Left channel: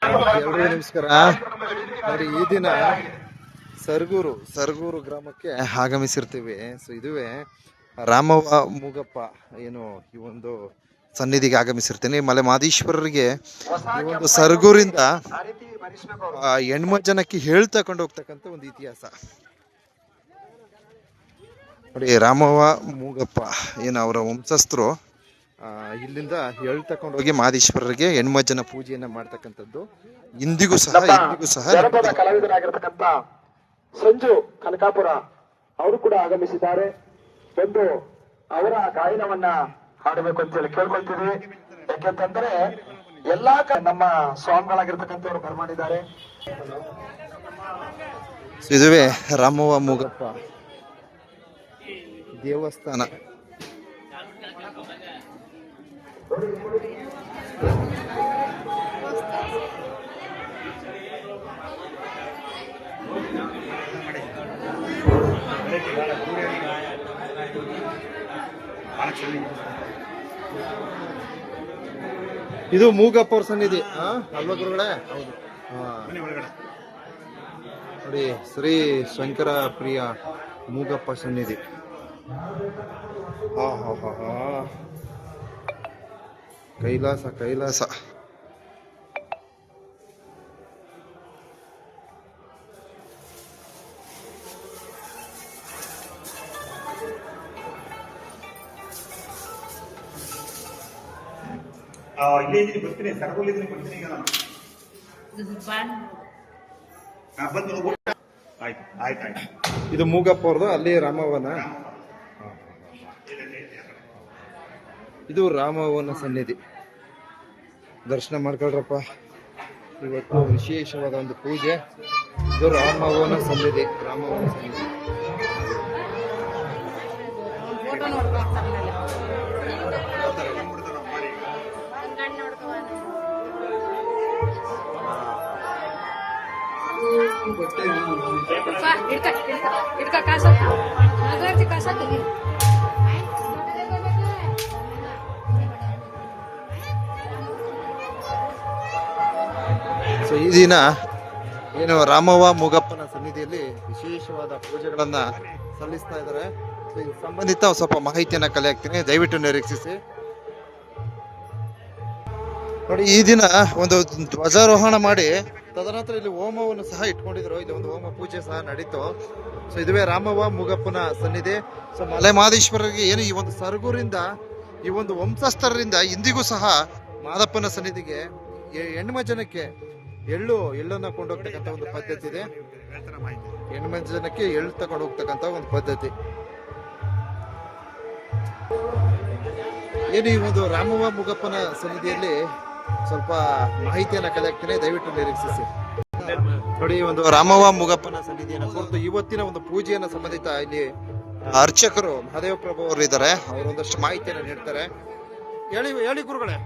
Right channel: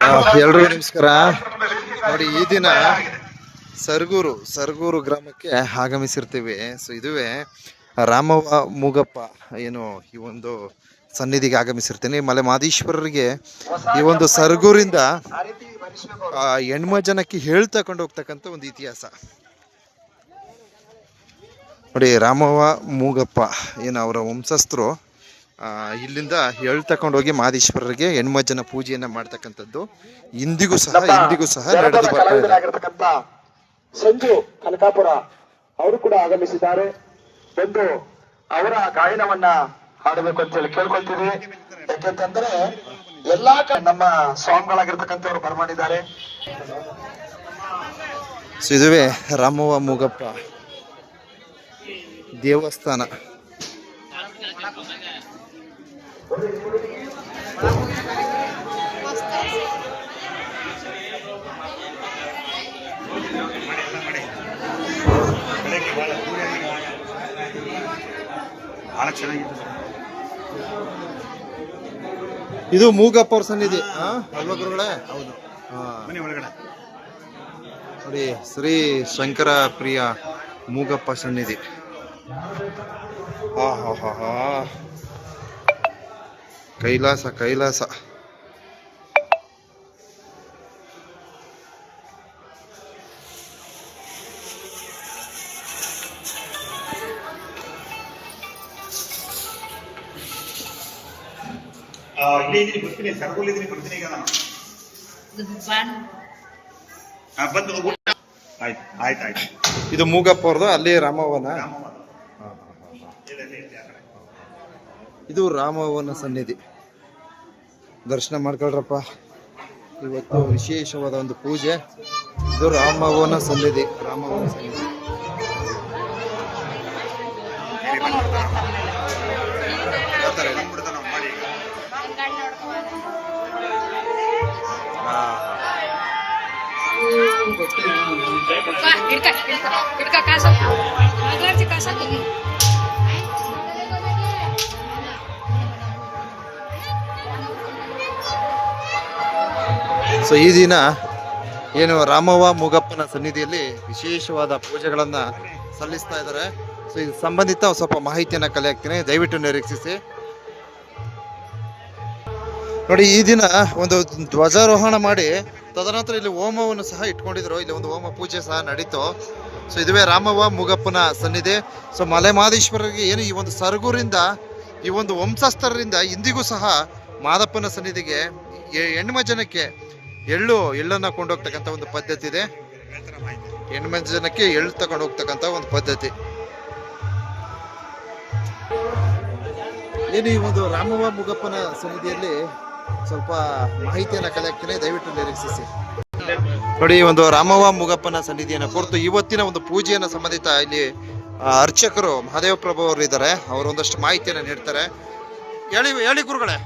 ಎಲ್ರಿಗೂ ನಮಸ್ಕಾರ. ನೋಡಿ, ಈ ದಿನ ಸರಗೂರು ಗ್ರಾಮಕ್ಕೆ ಆಗಮಿಸಿರ್ತೀವಿ. ಸೊ ಇದುವೇ ರಾಮವ್ವ ಮೂಗಪ್ಪ ಏನು ಈ ಒಂದು ಸನ್ನಿಧಿಗೆ ಆಗಮಿಸಿರ್ತೀನಿ. ಮಲೆ ಮಾದೇಶ್ವರರಿಗೆ ಈ ಒಂದು ಸರಗೂರಿಂದ ಹೆಣ್ಮಜ್ಜನಕ್ಕೆ ಹೇಳ್ತಕೊಂಡು ಹೋಗ್ತಕ್ಕಂಥ ಒಂದು ಇತಿಹಾಸ ನೋಡಿ. ರಾಮವ್ವ ಮೂಗಪ್ಪ ಏನು ಅವರ ವಂಶಸ್ಥರು ಇಲ್ಲಿಂದ ಹೇಳ್ತಕೊಂಡು ಹೋಗಿ ಮಾದೇಶ್ವರರಿಗೆ ಹೆಣ್ಮಜ್ಜನ ಪೂಜೆಯನ್ನ ಮಾಡ್ತಕ್ಕಂಥದ್ದು ಇಂದಿಗೂ ಸಹ ಸಂಜು ಕನಕಾಪುರ ಅವರು ಕೂಡ ಆಗಮಿಸಿದ್ದಾರೆ. ಬಂದು ಅವರ ಗಾಯನವನ್ನ ಹಾಡಬೇಕು ಅಂತ ಹೇಳಿ ಕೇಳ್ಕೊಳ್ತೀವಿ. ಯಾಕೆಂತಂದ್ರೆ ಎಲ್ಲಾ ನಮ್ಮ ಸ್ವಾಮಿಗಳಾಗಿರ್ತಕ್ಕಂಥವ್ರು ಬರ್ಮಾಡಿದ್ದಾರೆ. ಸೊ ಇದುವೇ ರಾಮವ್ವ ಮೂಗಪ್ಪ ದೇವಸ್ಥಾನ. ಇದು ಮೂಗಪ್ಪ ಅವ್ರ ಸನ್ನಿಧಿ ಅಲ್ವಾ ಗುರುಗಳೇ? ನೋಡಿ, ಶ್ರೀ ಶಂಕರ ಪ್ರಿಯ ಮೂಗಪ್ಪ ಸನ್ನಿಧಿ. ಕೈಲಾಸ. ಬರ್ತೀನಿ, ಸರ್ಗೋಲಿದ್ದೀನಿ, ಬರ್ತೀನಿ ಈಗ ನಾನು. ಆಯ್ತು. ಇದು ಮೂಗಪ್ಪ ಅವ್ರದ್ದು, ಅಲ್ಲಿ ರಾಮವ್ವನ. ಇದು ರಾಮವ್ವನ ಸನ್ನಿಧಿ. ದರ್ಶನ ಮಾಡ್ಕೊಳ್ರಪ್ಪ. ಇವತ್ತು ವಿಶೇಷವಾದ ಒಂದು ಪೂಜೆ. ಇದು ರಾಮವ್ವನ ಸನ್ನಿಧಿ. ಸೊ ಈ ದಿನ ಏನು ರಾಮವ್ವ ಮೂಗಪ್ಪನ ಸನ್ನಿಧಿಯಲ್ಲಿ ವಿಶೇಷವಾದ ಪೂಜೆಗಳನ್ನ ಸಲ್ಲಿಸ್ತಾ ಇದ್ದಾರೆ. ಸೊ ಇದು ಸಂಬಂಧಿತ ಸ್ವಲ್ಪ ಮಾಹಿತಿಯನ್ನ ಕಲೆ ಹಾಕ್ತೀನಿ, ದಯವಿಟ್ಟು ನಿರೀಕ್ಷಿಸಿ. ನೋಡಿ, ಈ ದಿನ ಒಂದು ಧ್ವಜಾರೋಹಣ ಮಾಡಿ ತದನಂತರ ಇಲ್ಲಿ ಹೋಮವನ್ನು ಸಹ ಇಟ್ಕೊಂಡಿದ್ರು. ಇಲ್ಲಿ ಒಂದು ಹೋಮ ಪೂಜೆ ಸಹ ನಡೀತು. ಸೊ ಇದುವೇ ರಾಮವ್ವ ಮೂಗಪ್ಪನ ಸನ್ನಿಧಿ. ಸೊ ಮಲೆ ಮಾದೇಶ್ವರರಿಗೆ ಏನು ಈ ಒಂದು ಸರಗೂರಿಂದ ಈ ಒಂದು ವಂಶಸ್ಥರಿಂದ ಇಂದಿಗೂ ಸಹ ಮಾದಪ್ಪನ ಸನ್ನಿಧಿಗೆ ಹೆಣ್ಮಜ್ಜನಕ್ಕೆ ಎಳ್ಳನ್ನ ಕೊಂಡೋಗ್ತಕ್ಕಂಥ ಒಂದು ಪದ್ಧತಿ ಇದೆ. ಹೆಣ್ಮಜ್ಜನಕ್ಕೆ ಎಳ್ಳು ತಗೊಂಡು ಹೋಗ್ತಕ್ಕಂಥ ಒಂದು ಪದ್ಧತಿ ಏನು. ಈ ಒಂದು ರಾಮವ್ವ ಮೂಗಪ್ಪನ ಸನ್ನಿಧಿಯಲ್ಲಿ ಸ್ವಲ್ಪ ಮಾಹಿತಿಯನ್ನ ಕಲೆ ಹಾಕ್ತೀನಿ, ದಯವಿಟ್ಟು ನಿರೀಕ್ಷಿಸಿ. ನೋಡಿ, ಒಂದು ರಾಮವ್ವ ಮೂಗಪ್ಪನ ಸನ್ನಿಧಿಯನ್ನು ಕುರಿತು ಇವತ್ತಿನ ಒಂದು ಪೂಜೆಯನ್ನ ಸಂಬಂಧಿತ ಇಲ್ಲಿ ಅರ್ಚಕರು ಮಹಾದೇವ ಪ್ರಭು ಅವರು ಇದ್ದಾರೆ. ಅವರು ಒಂದಷ್ಟು ಮಾಹಿತಿಯನ್ನ ನೀಡ್ತಾರೆ. ಹೇಳಿ ಗುರುಗಳೇ.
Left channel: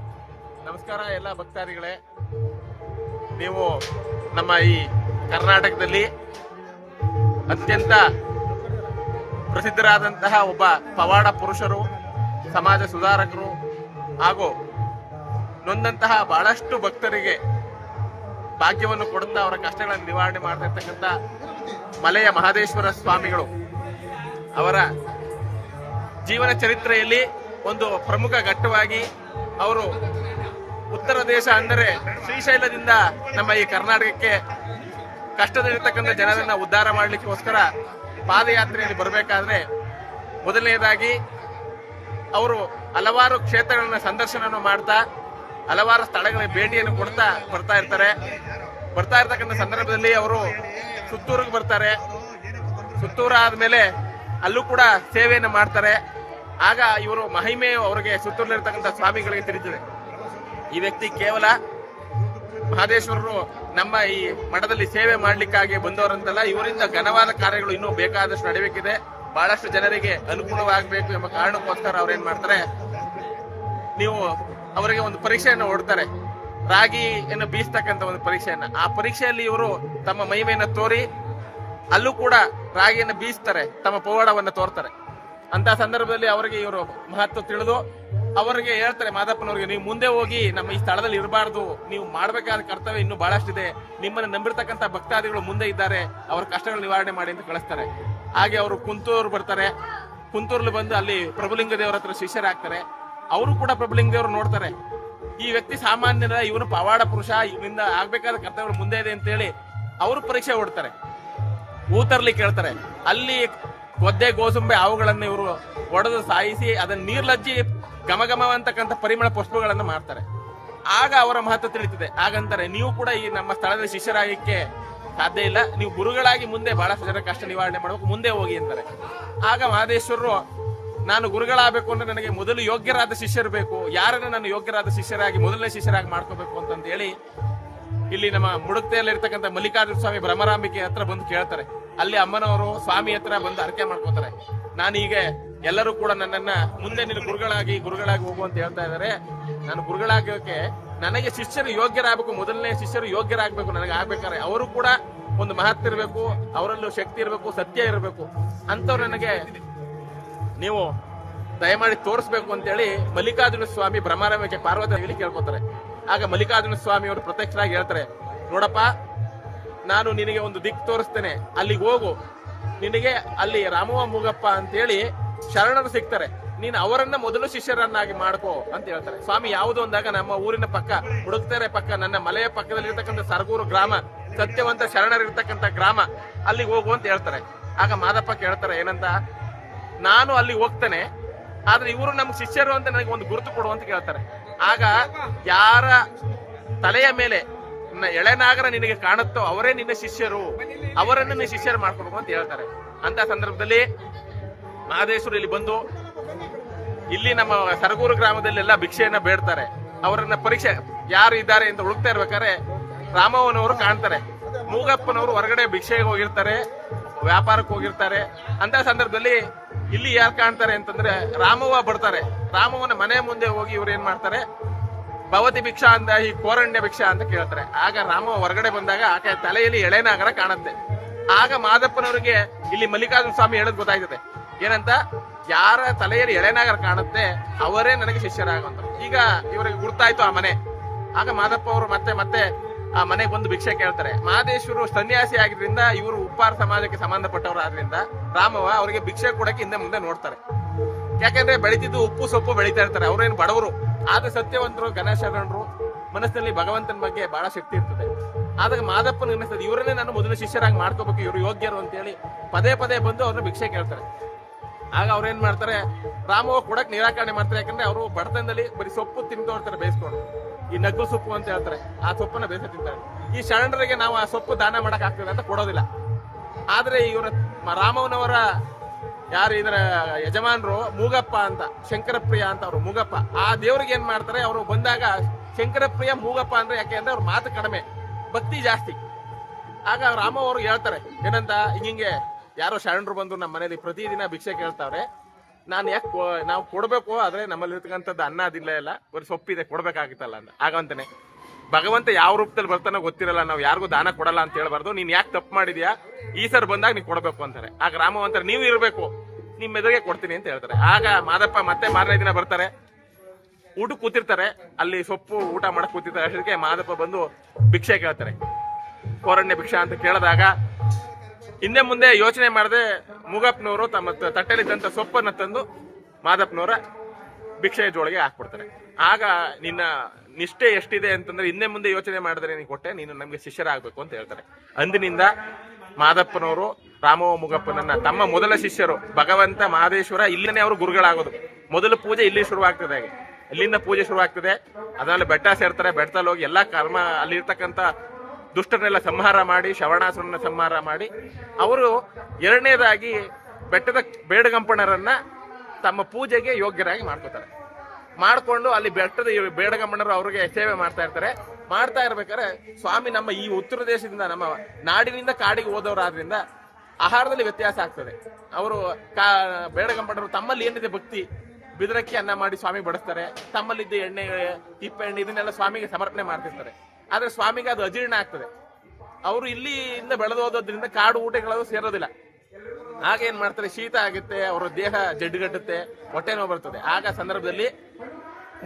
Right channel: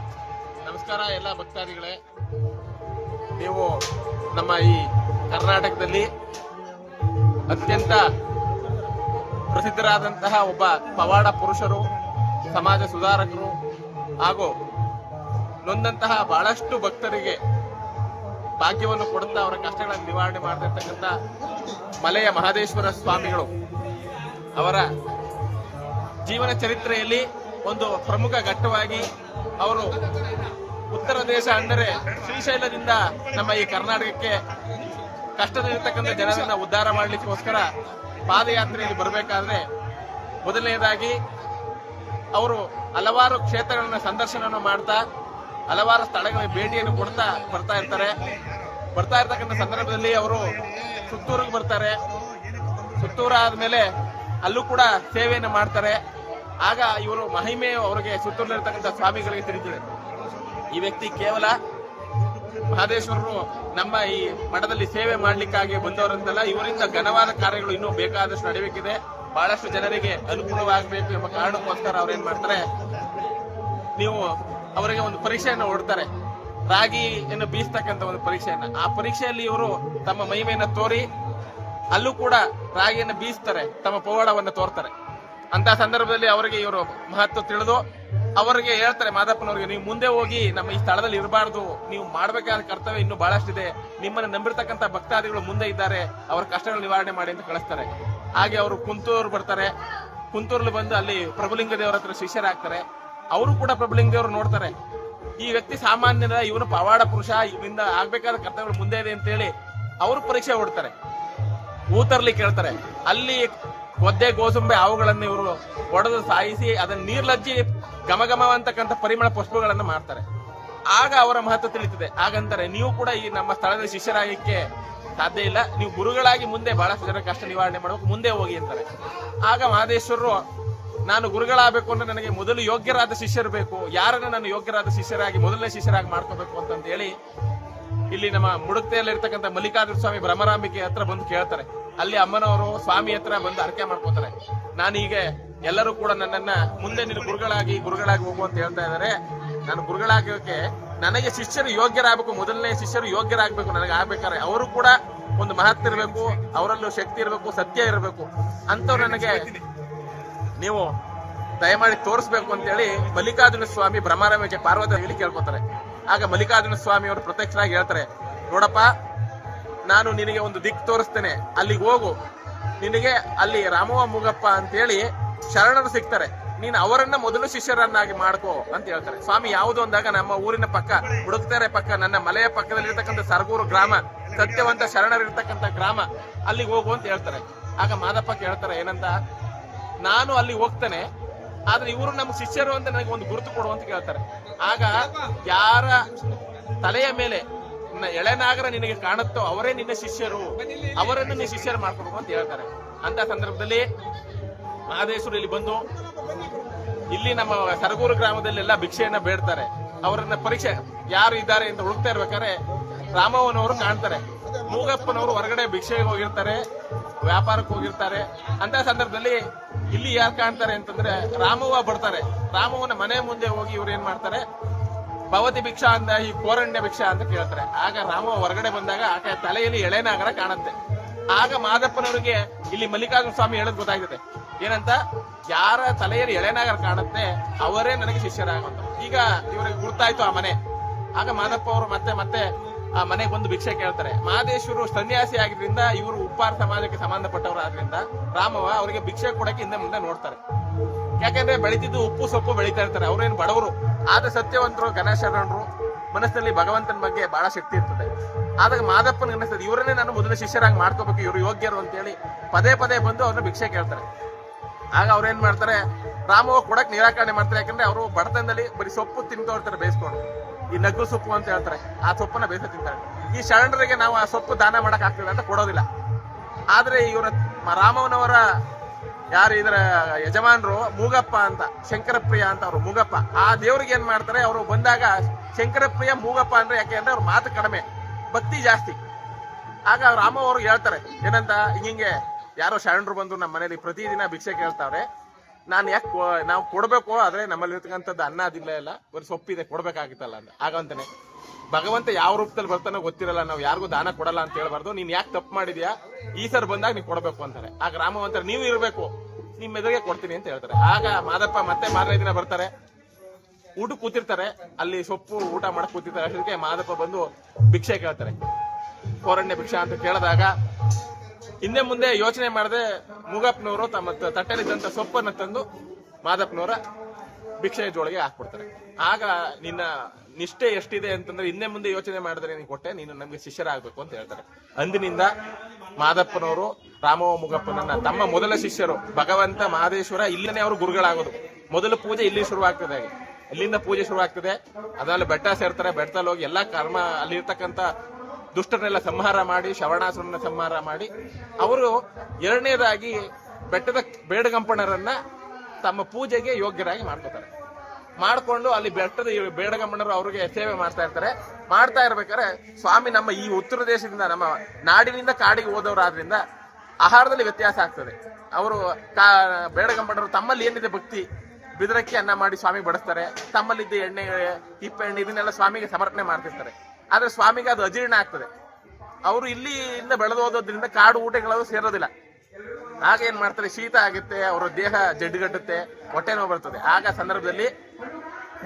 ನಮಸ್ಕಾರ ಎಲ್ಲ ಭಕ್ತಾದಿಗಳೇ. ನೀವು ನಮ್ಮ ಈ ಕರ್ನಾಟಕದಲ್ಲಿ ಅತ್ಯಂತ ಪ್ರಸಿದ್ಧರಾದಂತಹ ಒಬ್ಬ ಪವಾಡ ಪುರುಷರು, ಸಮಾಜ ಸುಧಾರಕರು ಹಾಗೂ ನೊಂದಂತಹ ಬಹಳಷ್ಟು ಭಕ್ತರಿಗೆ ಭಾಗ್ಯವನ್ನು ಕೊಡುತ್ತಾ ಅವರ ಕಷ್ಟಗಳನ್ನು ನಿವಾರಣೆ ಮಾಡ್ತಿರ್ತಕ್ಕಂಥ ಮಲೆಯ ಮಹದೇಶ್ವರ ಸ್ವಾಮಿಗಳು ಅವರ ಜೀವನ ಚರಿತ್ರೆಯಲ್ಲಿ ಒಂದು ಪ್ರಮುಖ ಘಟ್ಟವಾಗಿ ಅವರು ಉತ್ತರ ದೇಶ ಅಂದರೆ ಶ್ರೀಶೈಲದಿಂದ ನಮ್ಮ ಈ ಕರ್ನಾಟಕಕ್ಕೆ ಕಷ್ಟದಲ್ಲಿರ್ತಕ್ಕಂಥ ಜನರನ್ನ ಉದ್ಧಾರ ಮಾಡಲಿಕ್ಕೋಸ್ಕರ ಪಾದಯಾತ್ರೆಯಲ್ಲಿ ಬರಬೇಕಾದ್ರೆ ಮೊದಲನೇದಾಗಿ ಅವರು ಹಲವಾರು ಕ್ಷೇತ್ರಗಳನ್ನ ಸಂದರ್ಶನ ಮಾಡ್ತಾ ಹಲವಾರು ಸ್ಥಳಗಳಿಗೆ ಭೇಟಿಯನ್ನು ಕೊಡ್ತಾ ಬರ್ತಾ ಇರ್ತಕ್ಕಂಥ ಸಂದರ್ಭದಲ್ಲಿ ಅವರು ಸುತ್ತೂರಿಗೆ ಬರ್ತಾರೆ. ಸುತ್ತೂರು ಆದ್ಮೇಲೆ ಅಲ್ಲೂ ಕೂಡ ಸೇವೆಯನ್ನು ಮಾಡ್ತಾರೆ. ಆಗ ಇವರು ಮಹಿಮೆ ಅವರಿಗೆ ಸುತ್ತೂರಲ್ಲಿರ್ತಕ್ಕಂಥ ಸ್ವಾಮಿಗಳಿಗೆ ತಿಳಿದಿದೆ. ಈ ವ್ಯಕ್ತಿ ಕೇವಲ ಮಹದೇಶ್ವರರು ನಮ್ಮ ಈ ಮಠದಲ್ಲಿ ಸೇವೆ ಮಾಡ್ಲಿಕ್ಕಾಗಿ ಬಂದವರಂತಲ್ಲ, ಇವರಿಂದ ಘನವಾದ ಕಾರ್ಯಗಳು ಇನ್ನೂ ಬೇಕಾದಷ್ಟು ನಡೆಯಬೇಕಿದೆ. ಬಹಳಷ್ಟು ಜನರಿಗೆ ಅನುಕೂಲವಾಗಬೇಕು ಎಂಬ ಕಾರಣಕ್ಕೋಸ್ಕರ ಅವ್ರೇನ್ ಮಾಡ್ತಾರೆ, ನೀವು ಅವರಿಗೆ ಒಂದು ಪರೀಕ್ಷೆಯನ್ನು ಹೊಡ್ತಾರೆ, ರಾಗಿಯನ್ನು ಬೀಸ್ತಕ್ಕಂಥ ಒಂದು ಪರೀಕ್ಷೆಯನ್ನ. ಆ ಪರೀಕ್ಷೆಯಲ್ಲಿ ಇವರು ತಮ್ಮ ಮಹಿಮೆಯನ್ನು ತೋರಿ ಅಲ್ಲೂ ಕೂಡ ರಾಗಿಯನ್ನು ಬೀಸ್ತಾರೆ, ತಮ್ಮ ಪವಾಡವನ್ನು ತೋರ್ತಾರೆ. ಅಂತ ಸಂದರ್ಭದಲ್ಲಿ ಅವರಿಗೆ ಇವರು ಮಹತ್ವ ತಿಳಿದು ಅವರಿಗೆ ಹೇಳ್ತಾರೆ ಮಾದಪ್ಪನವ್ರಿಗೆ, ನೀವು ಮುಂದೆ ಹೋಗಿ ನಮ್ಮ ಈ ಸ್ಥಳದಲ್ಲಿ ಇರಬಾರ್ದು, ನೀವು ಮಾಡಬೇಕಾದ ಕರ್ತವ್ಯ ಇನ್ನೂ ಬಹಳಷ್ಟಿದೆ, ನಿಮ್ಮನ್ನು ನಂಬಿರ್ತಕ್ಕಂಥ ಭಕ್ತಾದಿಗಳು ಮುಂದೆ ಇದ್ದಾರೆ, ಅವರ ಕಷ್ಟಗಳು ನಿವಾರಣೆ ಮಾಡಿ ಅಂತ ಕಳಿಸ್ತಾರೆ. ಹಾಗೆ ಅವರು ಕುಂತೂರು ಬರ್ತಾರೆ. ಕುಂತೂರಲ್ಲಿ ಬಂದು ಅಲ್ಲಿ ಪ್ರಭುಲಿಂಗ ದೇವರ ಹತ್ರ ಶಿಷ್ಯರಾಗ್ತಾರೆ. ಅವರು ಕೂಡ ಪ್ರಭುಲಿಂಗ ದೇವರು ನೋಡ್ತಾರೆ, ಈ ವ್ಯಕ್ತಿ ಸಾಮಾನ್ಯದ, ಇವನು ಪವಾಡ ಪುರುಷ, ಇವನಿಂದ ಆಗ್ಬೇಕಾದ ಕರ್ತವ್ಯಗಳು ಮುಂದೆ ಇದೆ ಅಂತ ಹೇಳಿ ಅವರು ಪರೀಕ್ಷೆ ಹೊಡ್ತಾರೆ. ಊತರ್ಲಿ ಕೇಳ್ತಾರೆ. ಅಲ್ಲಿ ಒದ್ದೆ ಗೋಸುಂಬೆ ಹಾವುಗಳನ್ನು ಇವರು ಒಡೆದು ಸಾಯಿಸಿ ಅದನ್ನ ನೀರ್ಲಜ್ಜಿ ಘಮಘಮವಂತಕ್ಕಂಥ ಪರಿಮಳ ಪುಷ್ಪಗಳನ್ನು ಮಾಡ್ತಾರೆ. ಆಗ ಅವರ ಮಹತ್ವ ತಿಳಿಯುತ್ತದೆ. ಹಾಗಂತಾರೆ, ನೀವು ಕೂಡ ಈ ನಮ್ಮ ಸ್ಥಳದಲ್ಲಿ ಶಿಷ್ಯರಾಗಲಿಕ್ಕೆ ಸಾಧ್ಯ ಇಲ್ಲ, ನೀವು ಗುರುಗಳಾಗಿ ಮುಂದೆ ಬಹಳಷ್ಟು ಜನ ಕಷ್ಟ ನಿವಾರಣೆ ಮಾಡಬೇಕು, ಮುಂದೆ ಹೋಗಿ ಅಂತಾರೆ. ಆಗ ಮಹದೇಶ್ವರರು, ನಾನು ಗುರುಗಳಾಗಬೇಕು ಅಂದ್ರೆ ನನಗೆ ಮೊದಲು ಯೋಗ್ಯರಾದ ಶಿಷ್ಯರು ಬೇಕು, ಯಾರನ್ನು ನಾನು ಯೋಗ್ಯರಾದ ಶಿಷ್ಯರಾಗಿ ಮೊದಲನೇ ಶಿಷ್ಯರಾಗಿ ಮಾಡ್ಕೋಬೇಕು ಅಂತ ಹೇಳಿ ಇಲ್ಲಿ ನಮ್ಮ ಮುಡುಕ್ತೆಯಲ್ಲಿರ್ತಕ್ಕಂಥ ಮಲ್ಲಿಕಾರ್ಜುನ ಸ್ವಾಮಿ ಭ್ರಮರಾಂಬಿಕೆ ಹತ್ರ ಬಂದು ಕೇಳ್ತಾರೆ. ಅಲ್ಲಿ ಅಮ್ಮನವರು ಸ್ವಾಮಿ ಹತ್ರ ಬಂದು ಅರ್ಕೆ ಮಾಡ್ಕೋತಾರೆ. ನಾನೀಗ ಎಲ್ಲರೂ ಕೂಡ ನನ್ನನ್ನ ಮುಂದೆ ನೀನು ಗುರುಗಳಾಗಿ ಹೋಗು ಅಂತ ಹೇಳ್ತಾ ಇದ್ದಾರೆ. ನಾನು ಗುರುಗಳಾಗೋಕೆ ನನಗೆ ಶಿಷ್ಯರು ಯೋಗ್ಯರಾಗಬೇಕು, ಮೊದಲನೇ ಶಿಷ್ಯರು ಯೋಗ್ಯರಾಗಬೇಕು. ನನಗೆ ಆಗ್ಬೇಕಾದ್ರೆ ಅವರು ಕೂಡ ಒಂದು ಮಹತ್ವ ಇರಬೇಕು, ಅವರಲ್ಲೂ ಶಕ್ತಿ ಇರಬೇಕು, ಸತ್ಯ ಇರಬೇಕು, ಅಂತವ್ರು ನನಗೆ ನೀವು ದಯಮಾಡಿ ತೋರಿಸ್ಬೇಕು ಅಂತೇಳಿ ಮಲ್ಲಿಕಾರ್ಜುನ ಸ್ವಾಮಿ ಭ್ರಮರಾಂಬಿಕೆ ಪಾರ್ವತಿ ಹೇಳಿ ಕೇಳ್ಕೊತಾರೆ. ಆಗ ಮಲ್ಲಿಕಾರ್ಜುನ ಸ್ವಾಮಿ ಅವರು ಪ್ರತ್ಯಕ್ಷರಾಗಿ ಹೇಳ್ತಾರೆ, ನೋಡಪ್ಪ, ನಾನು ನಿನಗೆ ಒಂದು ದಿಕ್ಕು ತೋರಿಸ್ತೇನೆ, ಅಲ್ಲಿಗೆ ಹೋಗು, ನಿನಗೆ ಅಲ್ಲಿ ರಾಮವ ಮೂಗಪ್ಪ ಅಂತೇಳಿ ಶರಣರು ಸಿಗ್ತಾರೆ, ನೀನು ಅವರನ್ನ ಮೊದಲು ಶಿಷ್ಯರನ್ನಾಗಿ ಮಾಡ್ಕೋ ಅಂತ ಹೇಳ್ತಾರೆ. ಸ್ವಾಮಿ ಯಾವುದು ಅಂದಾಗ ನಮ್ಮ ಊರಿನ ಪಕ್ಕ, ಮುಡುಕ್ತೆರೆ ಪಕ್ಕ, ನನ್ನ ಮಲೆಯ ಪಕ್ಕದಲ್ಲಿ ಇರ್ತಕ್ಕಂಥ ಸರಗೂರು ಗ್ರಾಮ, ಸತ್ಯವಂತ ಶರಣರಿರ್ತಕ್ಕಂಥ ಗ್ರಾಮ, ಅಲ್ಲಿಗೆ ಹೋಗು ಅಂತ ಹೇಳ್ತಾರೆ. ಆಗ ಮಾದಪ್ಪ ಕೇಳ್ತಾರೆ ಏನಂತ, ನಾನು ಅಲ್ಲಿ ಹೋಗ್ತೇನೆ, ಆದ್ರೆ ಇವರು ನಮ್ಮ ಶಿಷ್ಯರು ಅಂತ ನನಗೆ ಒಂದು ಗುರುತು ಕೊಡು ಅಂತ ಕೇಳ್ತಾರೆ. ಆಗ ಯಾರ ತಲೆಯ ಮೇಲೆ ಎಳೆನಾಗರ ನಿನಗೆ ಕಾಣುತ್ತೋ ಅವರೇ ನಿನ್ನ ಶಿಷ್ಯರು, ಅವರನ್ನು ನಿನ್ನ ಶಿಷ್ಯರು ಮಾಡ್ಕೊಬೇಕು ಅಂತ ಹೇಳ್ತಾರೆ. ಅಂತ ಸಂದರ್ಭದಲ್ಲಿ ಮಹದೇಶ್ವರ ಇಲ್ಲಿ ಬಂದು ಇಲ್ಲಿ ನಮ್ಮ ಸರಗೂರು ಗ್ರಾಮದಲ್ಲಿ ಎಲ್ಲ ಭಿಕ್ಷೆಯನ್ನ ಬೇಡ್ತಾರೆ. ಅವರನ್ನ ಪರೀಕ್ಷೆ ಯಾರು ಇದ್ದಾರೆ ಅಂತ ಹುಡುಕ್ತಾ ಇರ್ಬೇಕಾದ್ರೆ ರಾಮವ್ವನವರು ಕಾಣ್ತಾರೆ. ಮೂಗಪ್ಪನವರು ಹೊರಗಡೆ ಭಿಕ್ಷೆಗೆ ಹೋಗಿರ್ತಾರೆ, ವ್ಯಾಪಾರಕ್ಕೆ ಹೋಗಿರ್ತಾರೆ. ಅಂತ ಸಂದರ್ಭದಲ್ಲಿ ಇಲ್ಲಿ ಯಾರು ಕಾಣ್ತಾರೆ ಅಂತಂದ್ರೆ ರಾಮವ್ವ ಬರ್ತಾರೆ. ರಾಮವ್ವನ ಮನೆ ಮುಂದೆ ಹೋಗಿ ಇವ್ರು ಏನ್ ಮಾಡ್ತಾರೆ, ಭವತಿ ಭಿಕ್ಷಾ ಅಂತ, ಈ ಕೋರಣ್ಯ ಭಿಕ್ಷಾ ಅಂತ ಕೇಳ್ತಾರೆ. ಆಗ ರಾಮವ್ವ ಹೊರಗಡೆ ಬಂದಾಗ ಆಕೆ ತಲೆಯಲ್ಲಿ ಎಳೆನಾಗರ ಕಾಣುತ್ತೆ. ಆಗ ಮಾದಪ್ಪನವರಿಗೆ ಇಲ್ಲಿ ಮಲ್ಲಿಕಾರ್ಜುನ ಸ್ವಾಮಿ ಹೇಳೋದು ಗೊತ್ತಾಗುತ್ತೆ. ಏನಂತ, ಯಾರ ತಲೆಯಲ್ಲಿ ಎಳೆನಾಗರ ಕಾಣುತ್ತೆ ಅವರೇ ನನಗೆ ಶಿಷ್ಯರಾಗಂತ. ಈಗ ಇವರಿಗೆ ಗುರ್ತಾಯ್ತು ಆ ಮನೆ. ಆಗ ಮಾದಪ್ಪ ಅವರು ಮತ್ತೆ ಆ ಮನೆಗೆ ಒಂದು ಭಿಕ್ಷೆ ಕೇಳ್ತಾರೆ. ಮಹದೇಶ್ವರು ಸನ್ಯಾಸಿ ಆಗಿದ್ರಿಂದ ಇವರು ಉಪ್ಪಾರ ಸಮಾಜಕ್ಕೆ ಸಂಬಂಧಪಟ್ಟವರು ಆದ್ರಿಂದ ರಾಮವ್ವ ಅವರಿಗೆ ಭಿಕ್ಷೆ ಕೊಡಕ್ಕೆ ಹಿಂದೆ ಮುಂದೆ ನೋಡ್ತಾರೆ. ಯಾಕಂದ್ರೆ ಬೆಳಿತಿದ್ದು ಉಪ್ಪು ಸೊಪ್ಪು ಬೆಳಿತಾ ಇರ್ತಾರೆ, ಅವ್ರೇನು ಬಡವರು, ಆದ್ರೆ ಸತ್ಯವಂತರು, ಘನಶರಣರು, ಮನಸ್ಸಿನಲ್ಲಿ ಭಗವಂತನ ಬಗ್ಗೆ ಬಹಳ ಶಕ್ತಿ ಇರ್ತದೆ. ಆದಾಗ ಮಾದಪ್ಪನ ಅನಿಸ್ತದೆ, ಇವರನ್ನೇ ನಾನು ಮೊದಲು ಶಿಷ್ಯರಾಗಿ ಮಾಡ್ಕೋಬೇಕು, ಇವರು ಯೋಗ್ಯರು ಅಂತೇಳಿ ಪದೇ ಪದೇ ಬಂದು ಅವ್ರನ್ನ ಭಿಕ್ಷೆ ಕೇಳ್ತಾರೆ. ಆಗ ಅವ್ರೇನ್ ಮಾಡ್ತಾರೆ, ರಾಮವ್ವ ಕೊಡಕ್ ನಿರಾಕರಣೆ ಮಾಡ್ತಾರೆ. ಯಾಕಂದ್ರೆ ಅವರು ಬಡತನದಲ್ಲಿ ಬರೀ ಸೊಪ್ಪು ತಿಂತಾ ಇರ್ತಾರೆ ಬೇಯಿಸ್ಕೊಂಡು, ಈ ನಗ್ಗು ಸೊಪ್ಪು ಅಂತ ಹೇಳ್ತಾರೆ, ಆ ಸೊಪ್ಪನ್ನ ಬೇಯಿಸ ತಿಂತಾರೆ. ಈ ಶರಣರಿಗೆ ನಾವು ಆ ಸೊಪ್ಪು ದಾನ ಮಾಡಕ್ ಆಗ್ತದೆ ಅಂತ ಕೊಡೋದಿಲ್ಲ. ಆದ್ರೆ ಇವರ ರಾಮವ್ವನವರ ಯಾರು ಇದರ ಯಜಮಾನರು ಮೂಗಪ್ಪ ಅಂತ, ಶಂಕರಪ್ರಿಯ ಅಂತ ಅವರು ಮೂಗಪ್ಪ, ಆ ದೇವ್ರಿಗೆ ಏನ್ ಮಾಡ್ತಾರೆ, ಅವರು ಬಂದಾಗ ಶಂಕರಪ್ರಿಯ ಮೂಗಪ್ಪ ಅಂದ್ರೆ ಯಾಕೆ ಅಂದ್ರೆ ಅವ್ರ ಮಾತು ಕಡಿಮೆ, ಭಕ್ತಿ ಜಾಸ್ತಿ. ಆಗ ರಾಮವ್ವ ಅವ್ರಿಗೆ ಹೇಳ್ತಾರೆ ಏನಂತ, ಹಿಂಗೆ ಯಾರೋ ಶರಣರು ಬಂದು ನಮ್ಮ ಮನೇಲಿ ಪ್ರತಿದಿನ ಭಿಕ್ಷೆ ಕೇಳ್ತಾವ್ರೆ, ನಾನು ಯಾಕೆ ನಾವು ಕೊಡ್ಬೇಕು, ಆದ್ರೆ ನಮ್ಮಲ್ಲಿ ಇರ್ತಕ್ಕಂಥದ್ದು ಅನ್ನ ಅದಿಲ್ಲ, ಇಲ್ಲ ಬರೀ ಸೊಪ್ಪಿದೆ, ಕೊಡ್ಬೇಕಾಗಿತ್ತಲ್ಲ ಅಂತ. ಆಗಂತಾನೆ ಭಗವಂತ ಯಾವ ರೂಪದಲ್ಲಿ ಬರ್ತಾನೋ ಗೊತ್ತಿರಲ್ಲ, ನಾವು ಯಾರಿಗೂ ದಾನ ಕೊಡಲ್ಲ ಅಂತ ಹೇಳ್ಬಾರ್ದು, ನೀನ್ ಯಾಕೆ ತಪ್ಪು ಮಾಡಿದ್ಯಾ, ಈ ಸರ್ ಬಂದಾಗ ನೀನ್ ಕೊಡ್ಬೇಕು ಅಂತಾರೆ. ಆಗ ರಾಮವ್ವ ಅಂತಾರೆ, ನೀವು ಇರ್ಬೇಕು, ನಿಮ್ ಎದುರಿಗೆ ಕೊಡ್ತೀನಿ ಅಂತ ಹೇಳ್ತಾರೆ. ಆಗ ಮಾದಪ್ಪ ಮತ್ತೆ ಮಾರನೇ ದಿನ ಬರ್ತಾರೆ, ಊಟ ಕೂತಿರ್ತಾರೆ, ಅಲ್ಲಿ ಸೊಪ್ಪು ಊಟ ಮಾಡಕ್ ಕೂತಿರ್ತಾರೆ. ಅಷ್ಟಕ್ಕೆ ಮಾದಪ್ಪ ಬಂದು ಭಿಕ್ಷೆ ಕೇಳ್ತಾರೆ, ಕೋರಣ್ಯ ಭಿಕ್ಷಾ ಅಂತ ಕೇಳಿದಾಗ ಹಿಂದೆ ಮುಂದೆ ಯೋಚನೆ ಮಾಡದೆ ಮೂಗಪ್ಪನವರು ತಮ್ಮ ತಟ್ಟೆಲಿದ್ದಂತ ಸೊಪ್ಪನ್ನ ತಂದು ಮಾದಪ್ಪನವರ ಭಿಕ್ಷೆಯ ಜೋಳಿಗೆ ಹಾಕ್ಬಿಡ್ತಾರೆ. ಆಗ ನಿನ್ನ ನಿಷ್ಠೆ ಎಷ್ಟಿದೆ ಅಂತಂದ್ರೆ ಹಿಂದೆ ಮುಂದೆ ಯೋಚನೆ ಮಾಡಿದ್ರೆ ನೀನು ಕೊಟ್ಟೆ, ನೀನು ನಮ್ಗೆ ಶಿಷ್ಯರಾಗಬೇಕು ಅಂತ ಹೇಳ್ತಾರೆ. ಅಂದಿನಿಂದ ಮಾದಪ್ಪನವರು ರಾಮವ್ವ ಮೂಗಪ್ಪನನ್ನ ತಮ್ಮ ಮೊದಲ ಶಿಷ್ಯರು, ಭಗವಂತ ಮಹದೇಶ್ವರ ಇಲ್ಲೇ ಅವರು ಗುರುಗಳಾಗೋದು. ಮೊದಲ ಪೂಜೆ ಇಲ್ಲಿ ಶುರುವಾಗ್ತದೆ, ಇಲ್ಲಿಂದ ಪೂಜೆ ಶುರುವಾಗ್ತದೆ. ಅದ್ರಲ್ಲಿ ಬೆಟ್ಟ ಸೇರ್ತಾರೆ, ಬೆಟ್ಟದಲ್ಲಿ ಹೋಗಿ ಎಲ್ಲಾ ಕರ್ಮ, ಅಲ್ಲಿ ಇರ್ತಕ್ಕಂಥ ದುಷ್ಟರನ್ನೆಲ್ಲ ಸಂಹಾರ ಮಾಡಿ, ಶ್ರವಣಾಸುರನ್ನ ಸಂಹಾರ ಮಾಡಿ, ಅವರು ಎರಡನೇದಾಗಿ ಬೆಟ್ಟದ ಬೇಡಗಂಪಣರನ್ನ ತಮ್ಮ ಪೂಜೆಗೆ ಯೋಗ್ಯರಾಗಿ ಮಾಡ್ಕೋತಾರೆ. ಮಾಡ್ಕೊಂಡು ಅಲ್ಲಿ ಬೆಟ್ಟದ ಬೇಡಗಂಪಣರು ಅವ್ರಿಗೆ ಸೇವೆ ಮಾಡ್ತಾ ಇರ್ತಾರೆ. ಮಾಡ್ತಾ ಇರ್ಬೇಕಾದ್ರೆ ಸ್ವಾಮಿ ನಮ್ಮ ಈ ಉತ್ತರ ದೇಶದಿಂದ, ನಮ್ಮ ನಾಡಿನಿಂದ ಕಾಡಿಗೆ ಹೋದವರಾದ್ರಿಂದ ಆಹಾರದಲ್ಲಿ ವ್ಯತ್ಯಾಸ ಆಗ್ತದೆ. ಅವರು ಬೇಡಗಂಪಣರು ತಮ್ಮಲ್ಲಿ ಏನಿದೆ ಭಕ್ತಿ, ಬಿದರಕ್ಕಿ ಅನ್ನ ಮಾಡಿ ಸ್ವಾಮಿ ಬಡಿಸ್ತಾರೆ, ತಮ್ಮಲ್ಲಿದ್ದ ಎಣ್ಣೆ, ತಿಪ್ಪೆ ಎಣ್ಣೆ ಇದನ್ನೆಲ್ಲ ಸ್ವಾಮಿಗೆ ಸಮರ್ಪಣೆ ಮಾಡ್ತಿರ್ತಾರೆ. ಆದ್ರೆ ಸ್ವಾಮಿಗೆ ಅದು ಅಜೀರ್ಣ ಆಗ್ತದೆ. ಅವರು ಇಲ್ಲಿಂದ ಬೆಳೆದು ಹೋದ್ರಿಂದ ಕಾಡು ಊಟಗಳದು ಸೇರೋದಿಲ್ಲ. ಆಗ ಏನ್ ಮಾಡ್ತಾರೆ, ಶೀತ ಆಗುತ್ತೆ, ಅವರ ದೇಹ ಜಡ್ಡುಗಟ್ಟುತ್ತೆ, ಹೊಟ್ಟೆ ನೋವು ಬರ್ತದೆ. ಆಗ ಸಂದರ್ಭದಲ್ಲಿ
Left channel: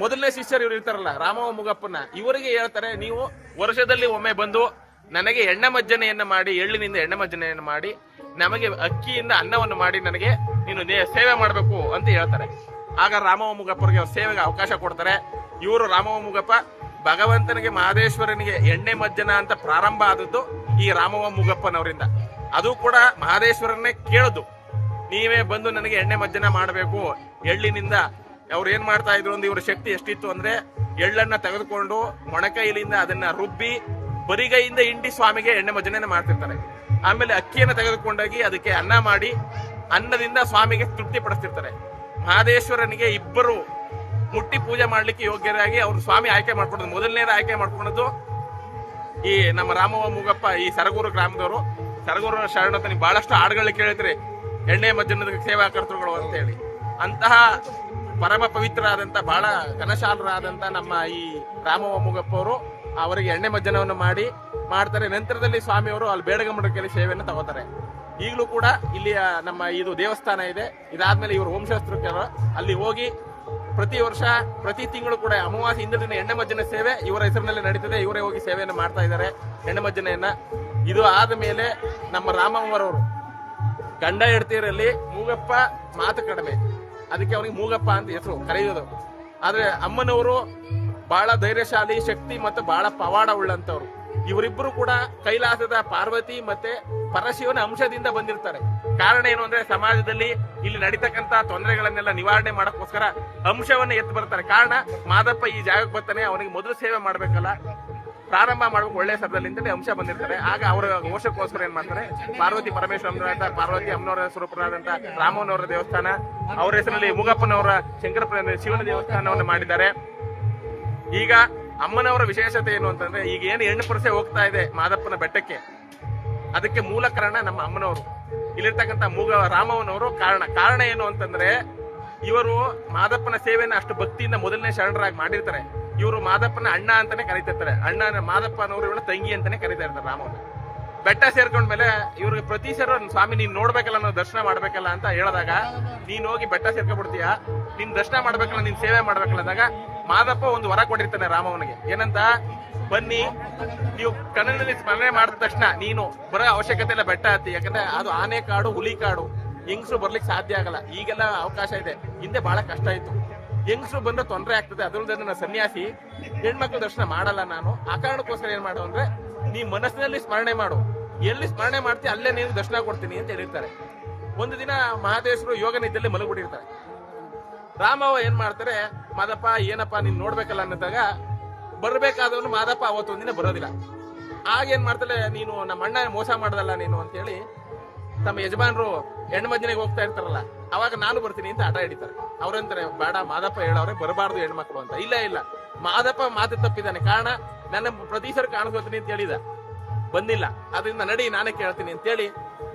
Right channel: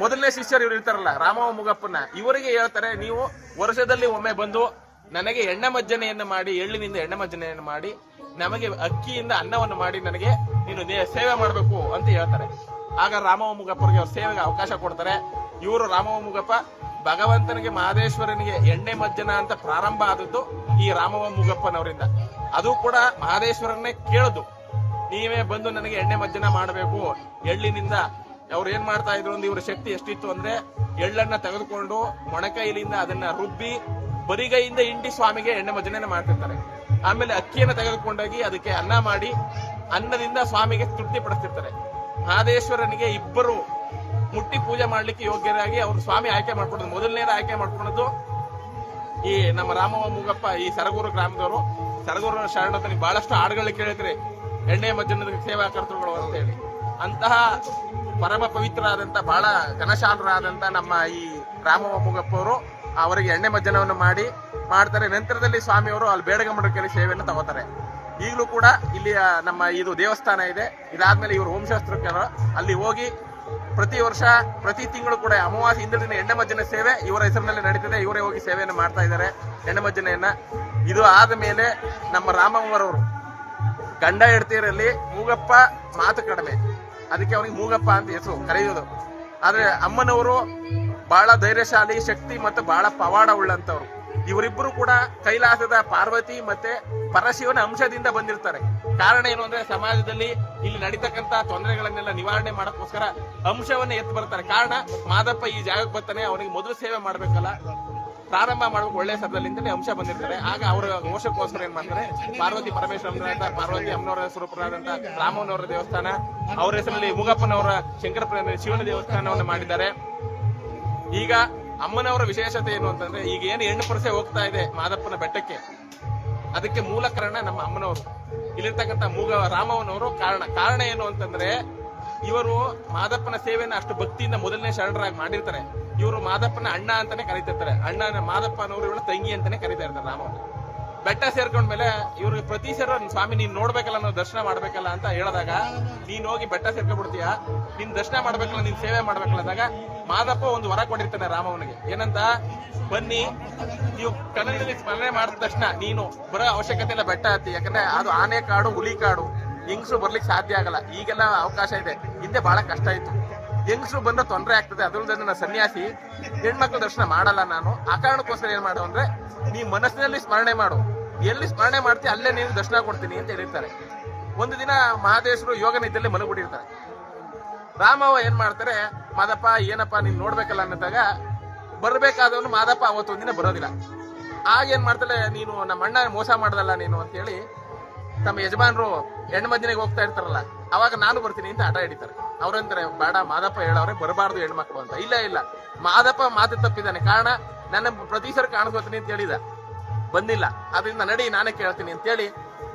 ಮೊದಲನೇ ಶಿಷ್ಯರು ಇವ್ರು ಇರ್ತಾರಲ್ಲ ರಾಮವ ಮುಗಪ್ಪನ, ಇವರಿಗೆ ಹೇಳ್ತಾರೆ, ನೀವು ವರ್ಷದಲ್ಲಿ ಒಮ್ಮೆ ಬಂದು ನನಗೆ ಎಣ್ಣೆ ಮಜ್ಜನೆಯನ್ನು ಮಾಡಿ, ಎಳ್ಳಿನಿಂದ ಎಣ್ಣೆ ಮಜ್ಜನೆಯನ್ನು ಮಾಡಿ, ನಮಗೆ ಅಕ್ಕಿಯಿಂದ ಅನ್ನವನ್ನು ಮಾಡಿ ನನಗೆ ನೀನು ಸೇವೆ ಮಾಡಬೇಕು ಅಂತ ಹೇಳ್ತಾರೆ. ಆಗ ರಾಮವ ಮುಗಪ್ಪರಿಗೆ ಸೇವೆಗೆ ಅವಕಾಶ ಕೊಡ್ತಾರೆ. ಇವರು ರಾಮವ ಮುಗಪ್ಪ ಭಗವಂತನಿಗೆ ಮಹದೇಶ್ವರನಿಗೆ ಎಣ್ಣೆ ಮಜ್ಜನ ಅಂತ ಪ್ರಾರಂಭ ಆದದ್ದು ಈ ರಾಮವ ಮುಗಪ್ಪನವರಿಂದ. ಅದು ಕೂಡ ಮಹದೇಶ್ವರನ್ನೇ ಕೇಳುದು, ನೀವೇ ಬಂದು ನನಗೆ ಎಣ್ಣೆ ಮಜ್ಜನ ಮಾಡಬೇಕು ಎಳ್ಳಿನಿಂದ. ಅವ್ರು ಏನ್ ಮಾಡ್ತಾ ಇದ್ರು ಅಂದ್ರೆ, ಇವ್ರ ಶಕ್ತಿ ಎಷ್ಟಿತ್ತು ಅಂದ್ರೆ, ಎಳ್ಳನ್ನ ತೆಗೆದುಕೊಂಡು ಮೊಣಕೈಲಿಂದ ಅದನ್ನ ರುಬ್ಬಿ ಬರಿಗೈಯಿಂದ ಇಂಡಿ ಸ್ವಾಮಿಗೆ ಎಣ್ಣೆ ಮಜ್ಜನೆ ಮಾಡ್ತಿರ್ತಾರೆ. ಆಮೇಲೆ ಅಕ್ಕಿಯನ್ನು ತೆಗೆದುಕೊಂಡೋಗಿ ಅದಕ್ಕೆ ಅನ್ನ ಮಾಡಿ ಅನ್ನದಿಂದ ಸ್ವಾಮಿಗೆ ತೃಪ್ತಿ ಪಡಿಸ್ತಿರ್ತಾರೆ. ಮಹದೇಶ್ವರನಿಗೆ ಇಬ್ಬರು ಮುಟ್ಟಿ ಪೂಜೆ ಮಾಡ್ಲಿಕ್ಕೆ ಯೋಗ್ಯರಾಗಿ ಅವ್ರು ಸ್ವಾಮಿ ಆಯ್ಕೆ ಮಾಡ್ಕೊಂಡದ್ದು, ಮೊದಲನೇದ ಆಯ್ಕೆ ಮಾಡ್ಕೊಂಡದ್ದು ಈ ನಮ್ಮ ರಾಮವ ಮುಗಪ್ಪ, ಈ ಸರಗೂರು ಗ್ರಾಮದವರು. ಸರಗೂರು ಶರಣ ನೀವು ಬಹಳಷ್ಟು ಹಾಡುಗಳು ಕೇಳಿದ್ರಿ, ಎಣ್ಣೆ ಮಜ್ಜನದ ಸೇವಾಕರ್ತೃಗಳು ಅಂತ ಹೇಳಿ. ಅಂತಹ ಪರಮ ಪವಿತ್ರರಾದಂತ ಬಹಳ ಘನಶಾಲರಾದಂತ ನಮ್ಮ ಈ ರಾಮವ ಮುಗಪ್ಪ ಅವರು ಅವರಿಗೆ ಎಣ್ಣೆ ಮಜ್ಜನವನ್ನು ಮಾಡ್ತಾರೆ. ನಂತರದಲ್ಲಿ ಸ್ವಾಮಿಯವರು ಅಲ್ಲಿ ಬೇಡಗಮಡಕಲ್ಲಿ ಸೇವೆಯನ್ನು ತಗೋತಾರೆ. ಈಗಲೂ ಕೂಡ ಇಲ್ಲಿ ನಮ್ಮ ಇದು ದೇವಸ್ಥಾನ ಇದೆ. ಇದಾದ್ಮೇಲೆ ಇವರು ವಂಶಾಸ್ತ್ರಕರು ಅಲ್ಲಿ ಹೋಗಿ ಪ್ರತಿ ವರ್ಷ ಪ್ರತಿ ತಿಂಗಳು ಕೂಡ ಅಮಾವಾಸ್ಯೆ ಹಿಂದಿನ ದಿನ ಎಣ್ಣೆ ಮಜ್ಜನ ಸೇವೆ ಇವರ ಹೆಸರಿನಲ್ಲಿ ನಡೀತಿದೆ. ಇವರೇ ಹೋಗಿ ಸೇವೆಯನ್ನು ಮಾಡ್ತಾ ಇದ್ದಾರೆ ಎಣ್ಣೆ ಮಜ್ಜನೆಯನ್ನ. ಇದು ಆದ ಮೇಲೆ ನಮ್ಮ ರಾಮವ್ವರವರು ಗಂಡ ಹೆಂಡತಿಯರಲ್ಲಿ ಮೂಗಪ್ಪ ಮಾತು ಕಡಿಮೆ, ಅದಕ್ಕೆ ಅವನಿಗೆ ಮೂಗಪ್ಪ ಅಂತ ಹೆಸರು ಕರೆಯೋದು. ಆದ್ರೆ ಅಮ್ಮನವರು ಬಹಳ ಧೈರ್ಯಶಾಲಿ, ಶಕ್ತಿ ಮತ್ತು ಬಹಳ ಪವಾಡ ಉಳ್ಳಂತವ್ರು. ಇವರಿಬ್ಬರು ಕೂಡ ಕೈಲಾಸದ ಪಾರ್ವತಿ ಮತ್ತೆ ಪರಶಿವನ ಅಂಶದಿಂದ ಬಂದಿರ್ತಾರೆ. ಕಾರಣ ಏನು ಅಂದ್ರೆ, ಸಮಾಜದಲ್ಲಿ ಇಲ್ಲಿ ನಡೀತಕ್ಕಂತ ತೊಂದರೆಗಳನ್ನೆಲ್ಲ ನಿವಾರಣೆ ಮಾಡಕ್ಕೋಸ್ಕರ ಅಂಶವನ್ನ ಎತ್ತು ಬರ್ತಾರೆ. ಕಾರಣ ಮಾದಪ್ಪ ಈ ಜಾಗಕ್ಕೆ ಬರ್ತಾನೆ, ಅವನಿಗೆ ಮೊದಲು ಸೇವೆ ಮಾಡ್ಬೇಕಲ್ಲ, ಪ್ರಾರಂಭ ಮಾಡ್ಬೇಕು ಒಳ್ಳೆ ಸರದಲ್ಲಿ ಅಂತೇಳಿ ಅಂಶ ಬಂದಿರ್ತಾರೆ. ಆಗ ಅವರ ಮೋಕ್ಷಕ್ಕೋಸ್ಕರ ಏನ್ ಮಾಡ್ತಾರೆ, ಪಾರ್ವತಿ ಪರಮೇಶ್ವರನಾದ ಪಾರ್ವತಿ ಅಮ್ಮನವರ ಸ್ವರೂಪರಾದಂತ ರಾಮನವರ ದೇವಸ್ಥಾನ, ಅವರ ಹೆಸರಲ್ಲಿ ಮುಗಪ್ಪನವರ ಶಂಕರಪುರ ಶಿವನ ದೇವಸ್ಥಾನವನ್ನು ಮಾಡಿದ್ದಾರೆ. ಈಗ ಅಮ್ಮನವರ ವಿಶೇಷತೆ ಏನು ಅಂತಂದ್ರೆ, ಈಗ ಏನು ಹೆಣ್ಣು ಪರಸೆ ಹೋಗ್ತಾ ಇದೆ ಮಾದಪ್ಪನ ಬೆಟ್ಟಕ್ಕೆ, ಅದಕ್ಕೆ ಮೂಲ ಕಾರಣ ನಮ್ಮ ಅಮ್ಮನವರು, ಇಲ್ಲಿರ್ತಕ್ಕಂಥ ರಾಮವನವರು ಕಾರಣ ಏನು ಅಂತಂದ್ರೆ, ಇವರು ಮಾದಪ್ಪನ ಸೇವೆಯನ್ನು ಅಷ್ಟು ಭಕ್ತಿಯಿಂದ ಮೊದಲನೇ ಶರಣರಾಗಿ ಮಾಡಿರ್ತಾರೆ. ಇವರು ಮಾದಪ್ಪನ ಅಣ್ಣ ಅಂತಾನೆ ಕರೀತಿರ್ತಾರೆ. ಅಣ್ಣ ಮಾದಪ್ಪನವರು ಇವಳ ತಂಗಿ ಅಂತಾನೆ ಕರೀತಾ ಇರ್ತಾರೆ ರಾಮವನ್ನ. ಬೆಟ್ಟ ಸೇರ್ಕೊಂಡ್ಮೇಲೆ ಇವ್ರಿಗೆ ಪ್ರತಿ ಸಲ ಸ್ವಾಮಿ ನೀನ್ ನೋಡ್ಬೇಕಲ್ಲ, ನಾವು ದರ್ಶನ ಮಾಡ್ಬೇಕಲ್ಲ ಅಂತ ಹೇಳಿದಾಗ, ನೀನ್ ಹೋಗಿ ಬೆಟ್ಟ ಸೇರ್ಕೊಂಡ್ಬಿಡ್ತೀಯ, ನೀನ್ ದರ್ಶನ ಮಾಡ್ಬೇಕಲ್ಲ, ನೀನ್ ಸೇವೆ ಮಾಡ್ಬೇಕಲ್ಲ ಅಂದಾಗ ಮಾದಪ್ಪ ಒಂದು ವರ ಕೊಟ್ಟಿರ್ತಾನೆ ರಾಮವನಿಗೆ. ಏನಂತ, ಬನ್ನಿ ನೀವು ಕನ್ನಡದಲ್ಲಿ ಸ್ಮರಣೆ ಮಾಡಿದ ತಕ್ಷಣ ನೀನು ಬರೋ ಅವಶ್ಯಕತೆ ಇಲ್ಲ ಬೆಟ್ಟ ಹತ್ತಿ, ಯಾಕಂದ್ರೆ ಅದು ಆನೆ ಕಾಡು, ಹುಲಿ ಕಾಡು, ಹೆಂಗಸರು ಬರ್ಲಿಕ್ಕೆ ಸಾಧ್ಯ ಆಗಲ್ಲ. ಈಗೆಲ್ಲ ಅವಕಾಶ ಇದೆ, ಹಿಂದೆ ಬಹಳ ಕಷ್ಟ ಇತ್ತು. ಹೆಂಗಸರು ಬಂದ್ರೆ ತೊಂದರೆ ಆಗ್ತದೆ, ಅದಲ್ಲದೆ ನನ್ನ ಸನ್ಯಾಸಿ ಹೆಣ್ಮಕ್ಳು ದರ್ಶನ ಮಾಡಲ್ಲ ನಾನು. ಆ ಕಾರಣಕ್ಕೋಸ್ಕರ ಏನ್ ಮಾಡು ಅಂದ್ರೆ, ನೀ ಮನಸ್ಸಿನಲ್ಲಿ ಸ್ಮರಣೆ ಮಾಡು, ಎಲ್ಲಿ ಸ್ಮರಣೆ ಮಾಡ್ತೀವಿ ಅಲ್ಲೇ ನೀನು ದರ್ಶನ ಕೊಡ್ತೀನಿ ಅಂತ ಹೇಳಿರ್ತಾರೆ. ಒಂದು ದಿನ ಮಹದೇಶ್ವರು ಯೋಗ ನಿದ್ದೆಯಲ್ಲಿ ಮಲಗಿಬಿಟ್ಟಿರ್ತಾರೆ. ರಾಮವ್ವ ಏನ್ ಮಾಡ್ತಾರೆ, ಮಾದಪ್ಪ ಏನಪ್ಪ ನೀನ್ ನೋಡ್ಬೇಕಲ್ಲ ಅನ್ನೋದಾಗ, ಬರ್ಬೇಕಾದವನು ಮಾದಪ್ಪ ಅವತ್ತೊಂದಿನ ಬರೋದಿಲ್ಲ. ಆಗೇನ್ ಮಾಡ್ತಾಳೆ, ನೀನು ನಮ್ಮ ಅಣ್ಣ ಮೋಸ ಮಾಡ್ದಲ್ಲ ನೀನು ಅಂತೇಳಿ ತಮ್ಮ ಯಜಮಾನರು ಹೆಣ್ಣು ಮಜ್ಜನೆಗೆ ಹೋಗ್ತಾ ಇರ್ತಾರಲ್ಲ, ಅವಾಗ ನಾನು ಬರ್ತೀನಿ ಅಂತ ಹಠ ಹಿಡಿತಾರೆ. ಅವ್ರಂತಾರೆ, ಬೇಡ ಮಾದಪ್ಪ ಹೇಳವ್ರೆ ಬರಬಾರ್ದು ಹೆಣ್ಮಕ್ಳು ಅಂತ. ಇಲ್ಲ ಮಾದಪ್ಪ ಮಾತು ತಪ್ಪಿದ್ದಾನೆ, ಕಾರಣ ನನ್ನ ಪ್ರತಿ ಸಲ ಕಾಣಿಸ್ಕೋತೀನಿ ಅಂತ ಹೇಳಿದ, ಬಂದಿಲ್ಲ, ಅದರಿಂದ ನಡಿ ನಾನೇ ಕೇಳ್ತೀನಿ ಅಂತೇಳಿ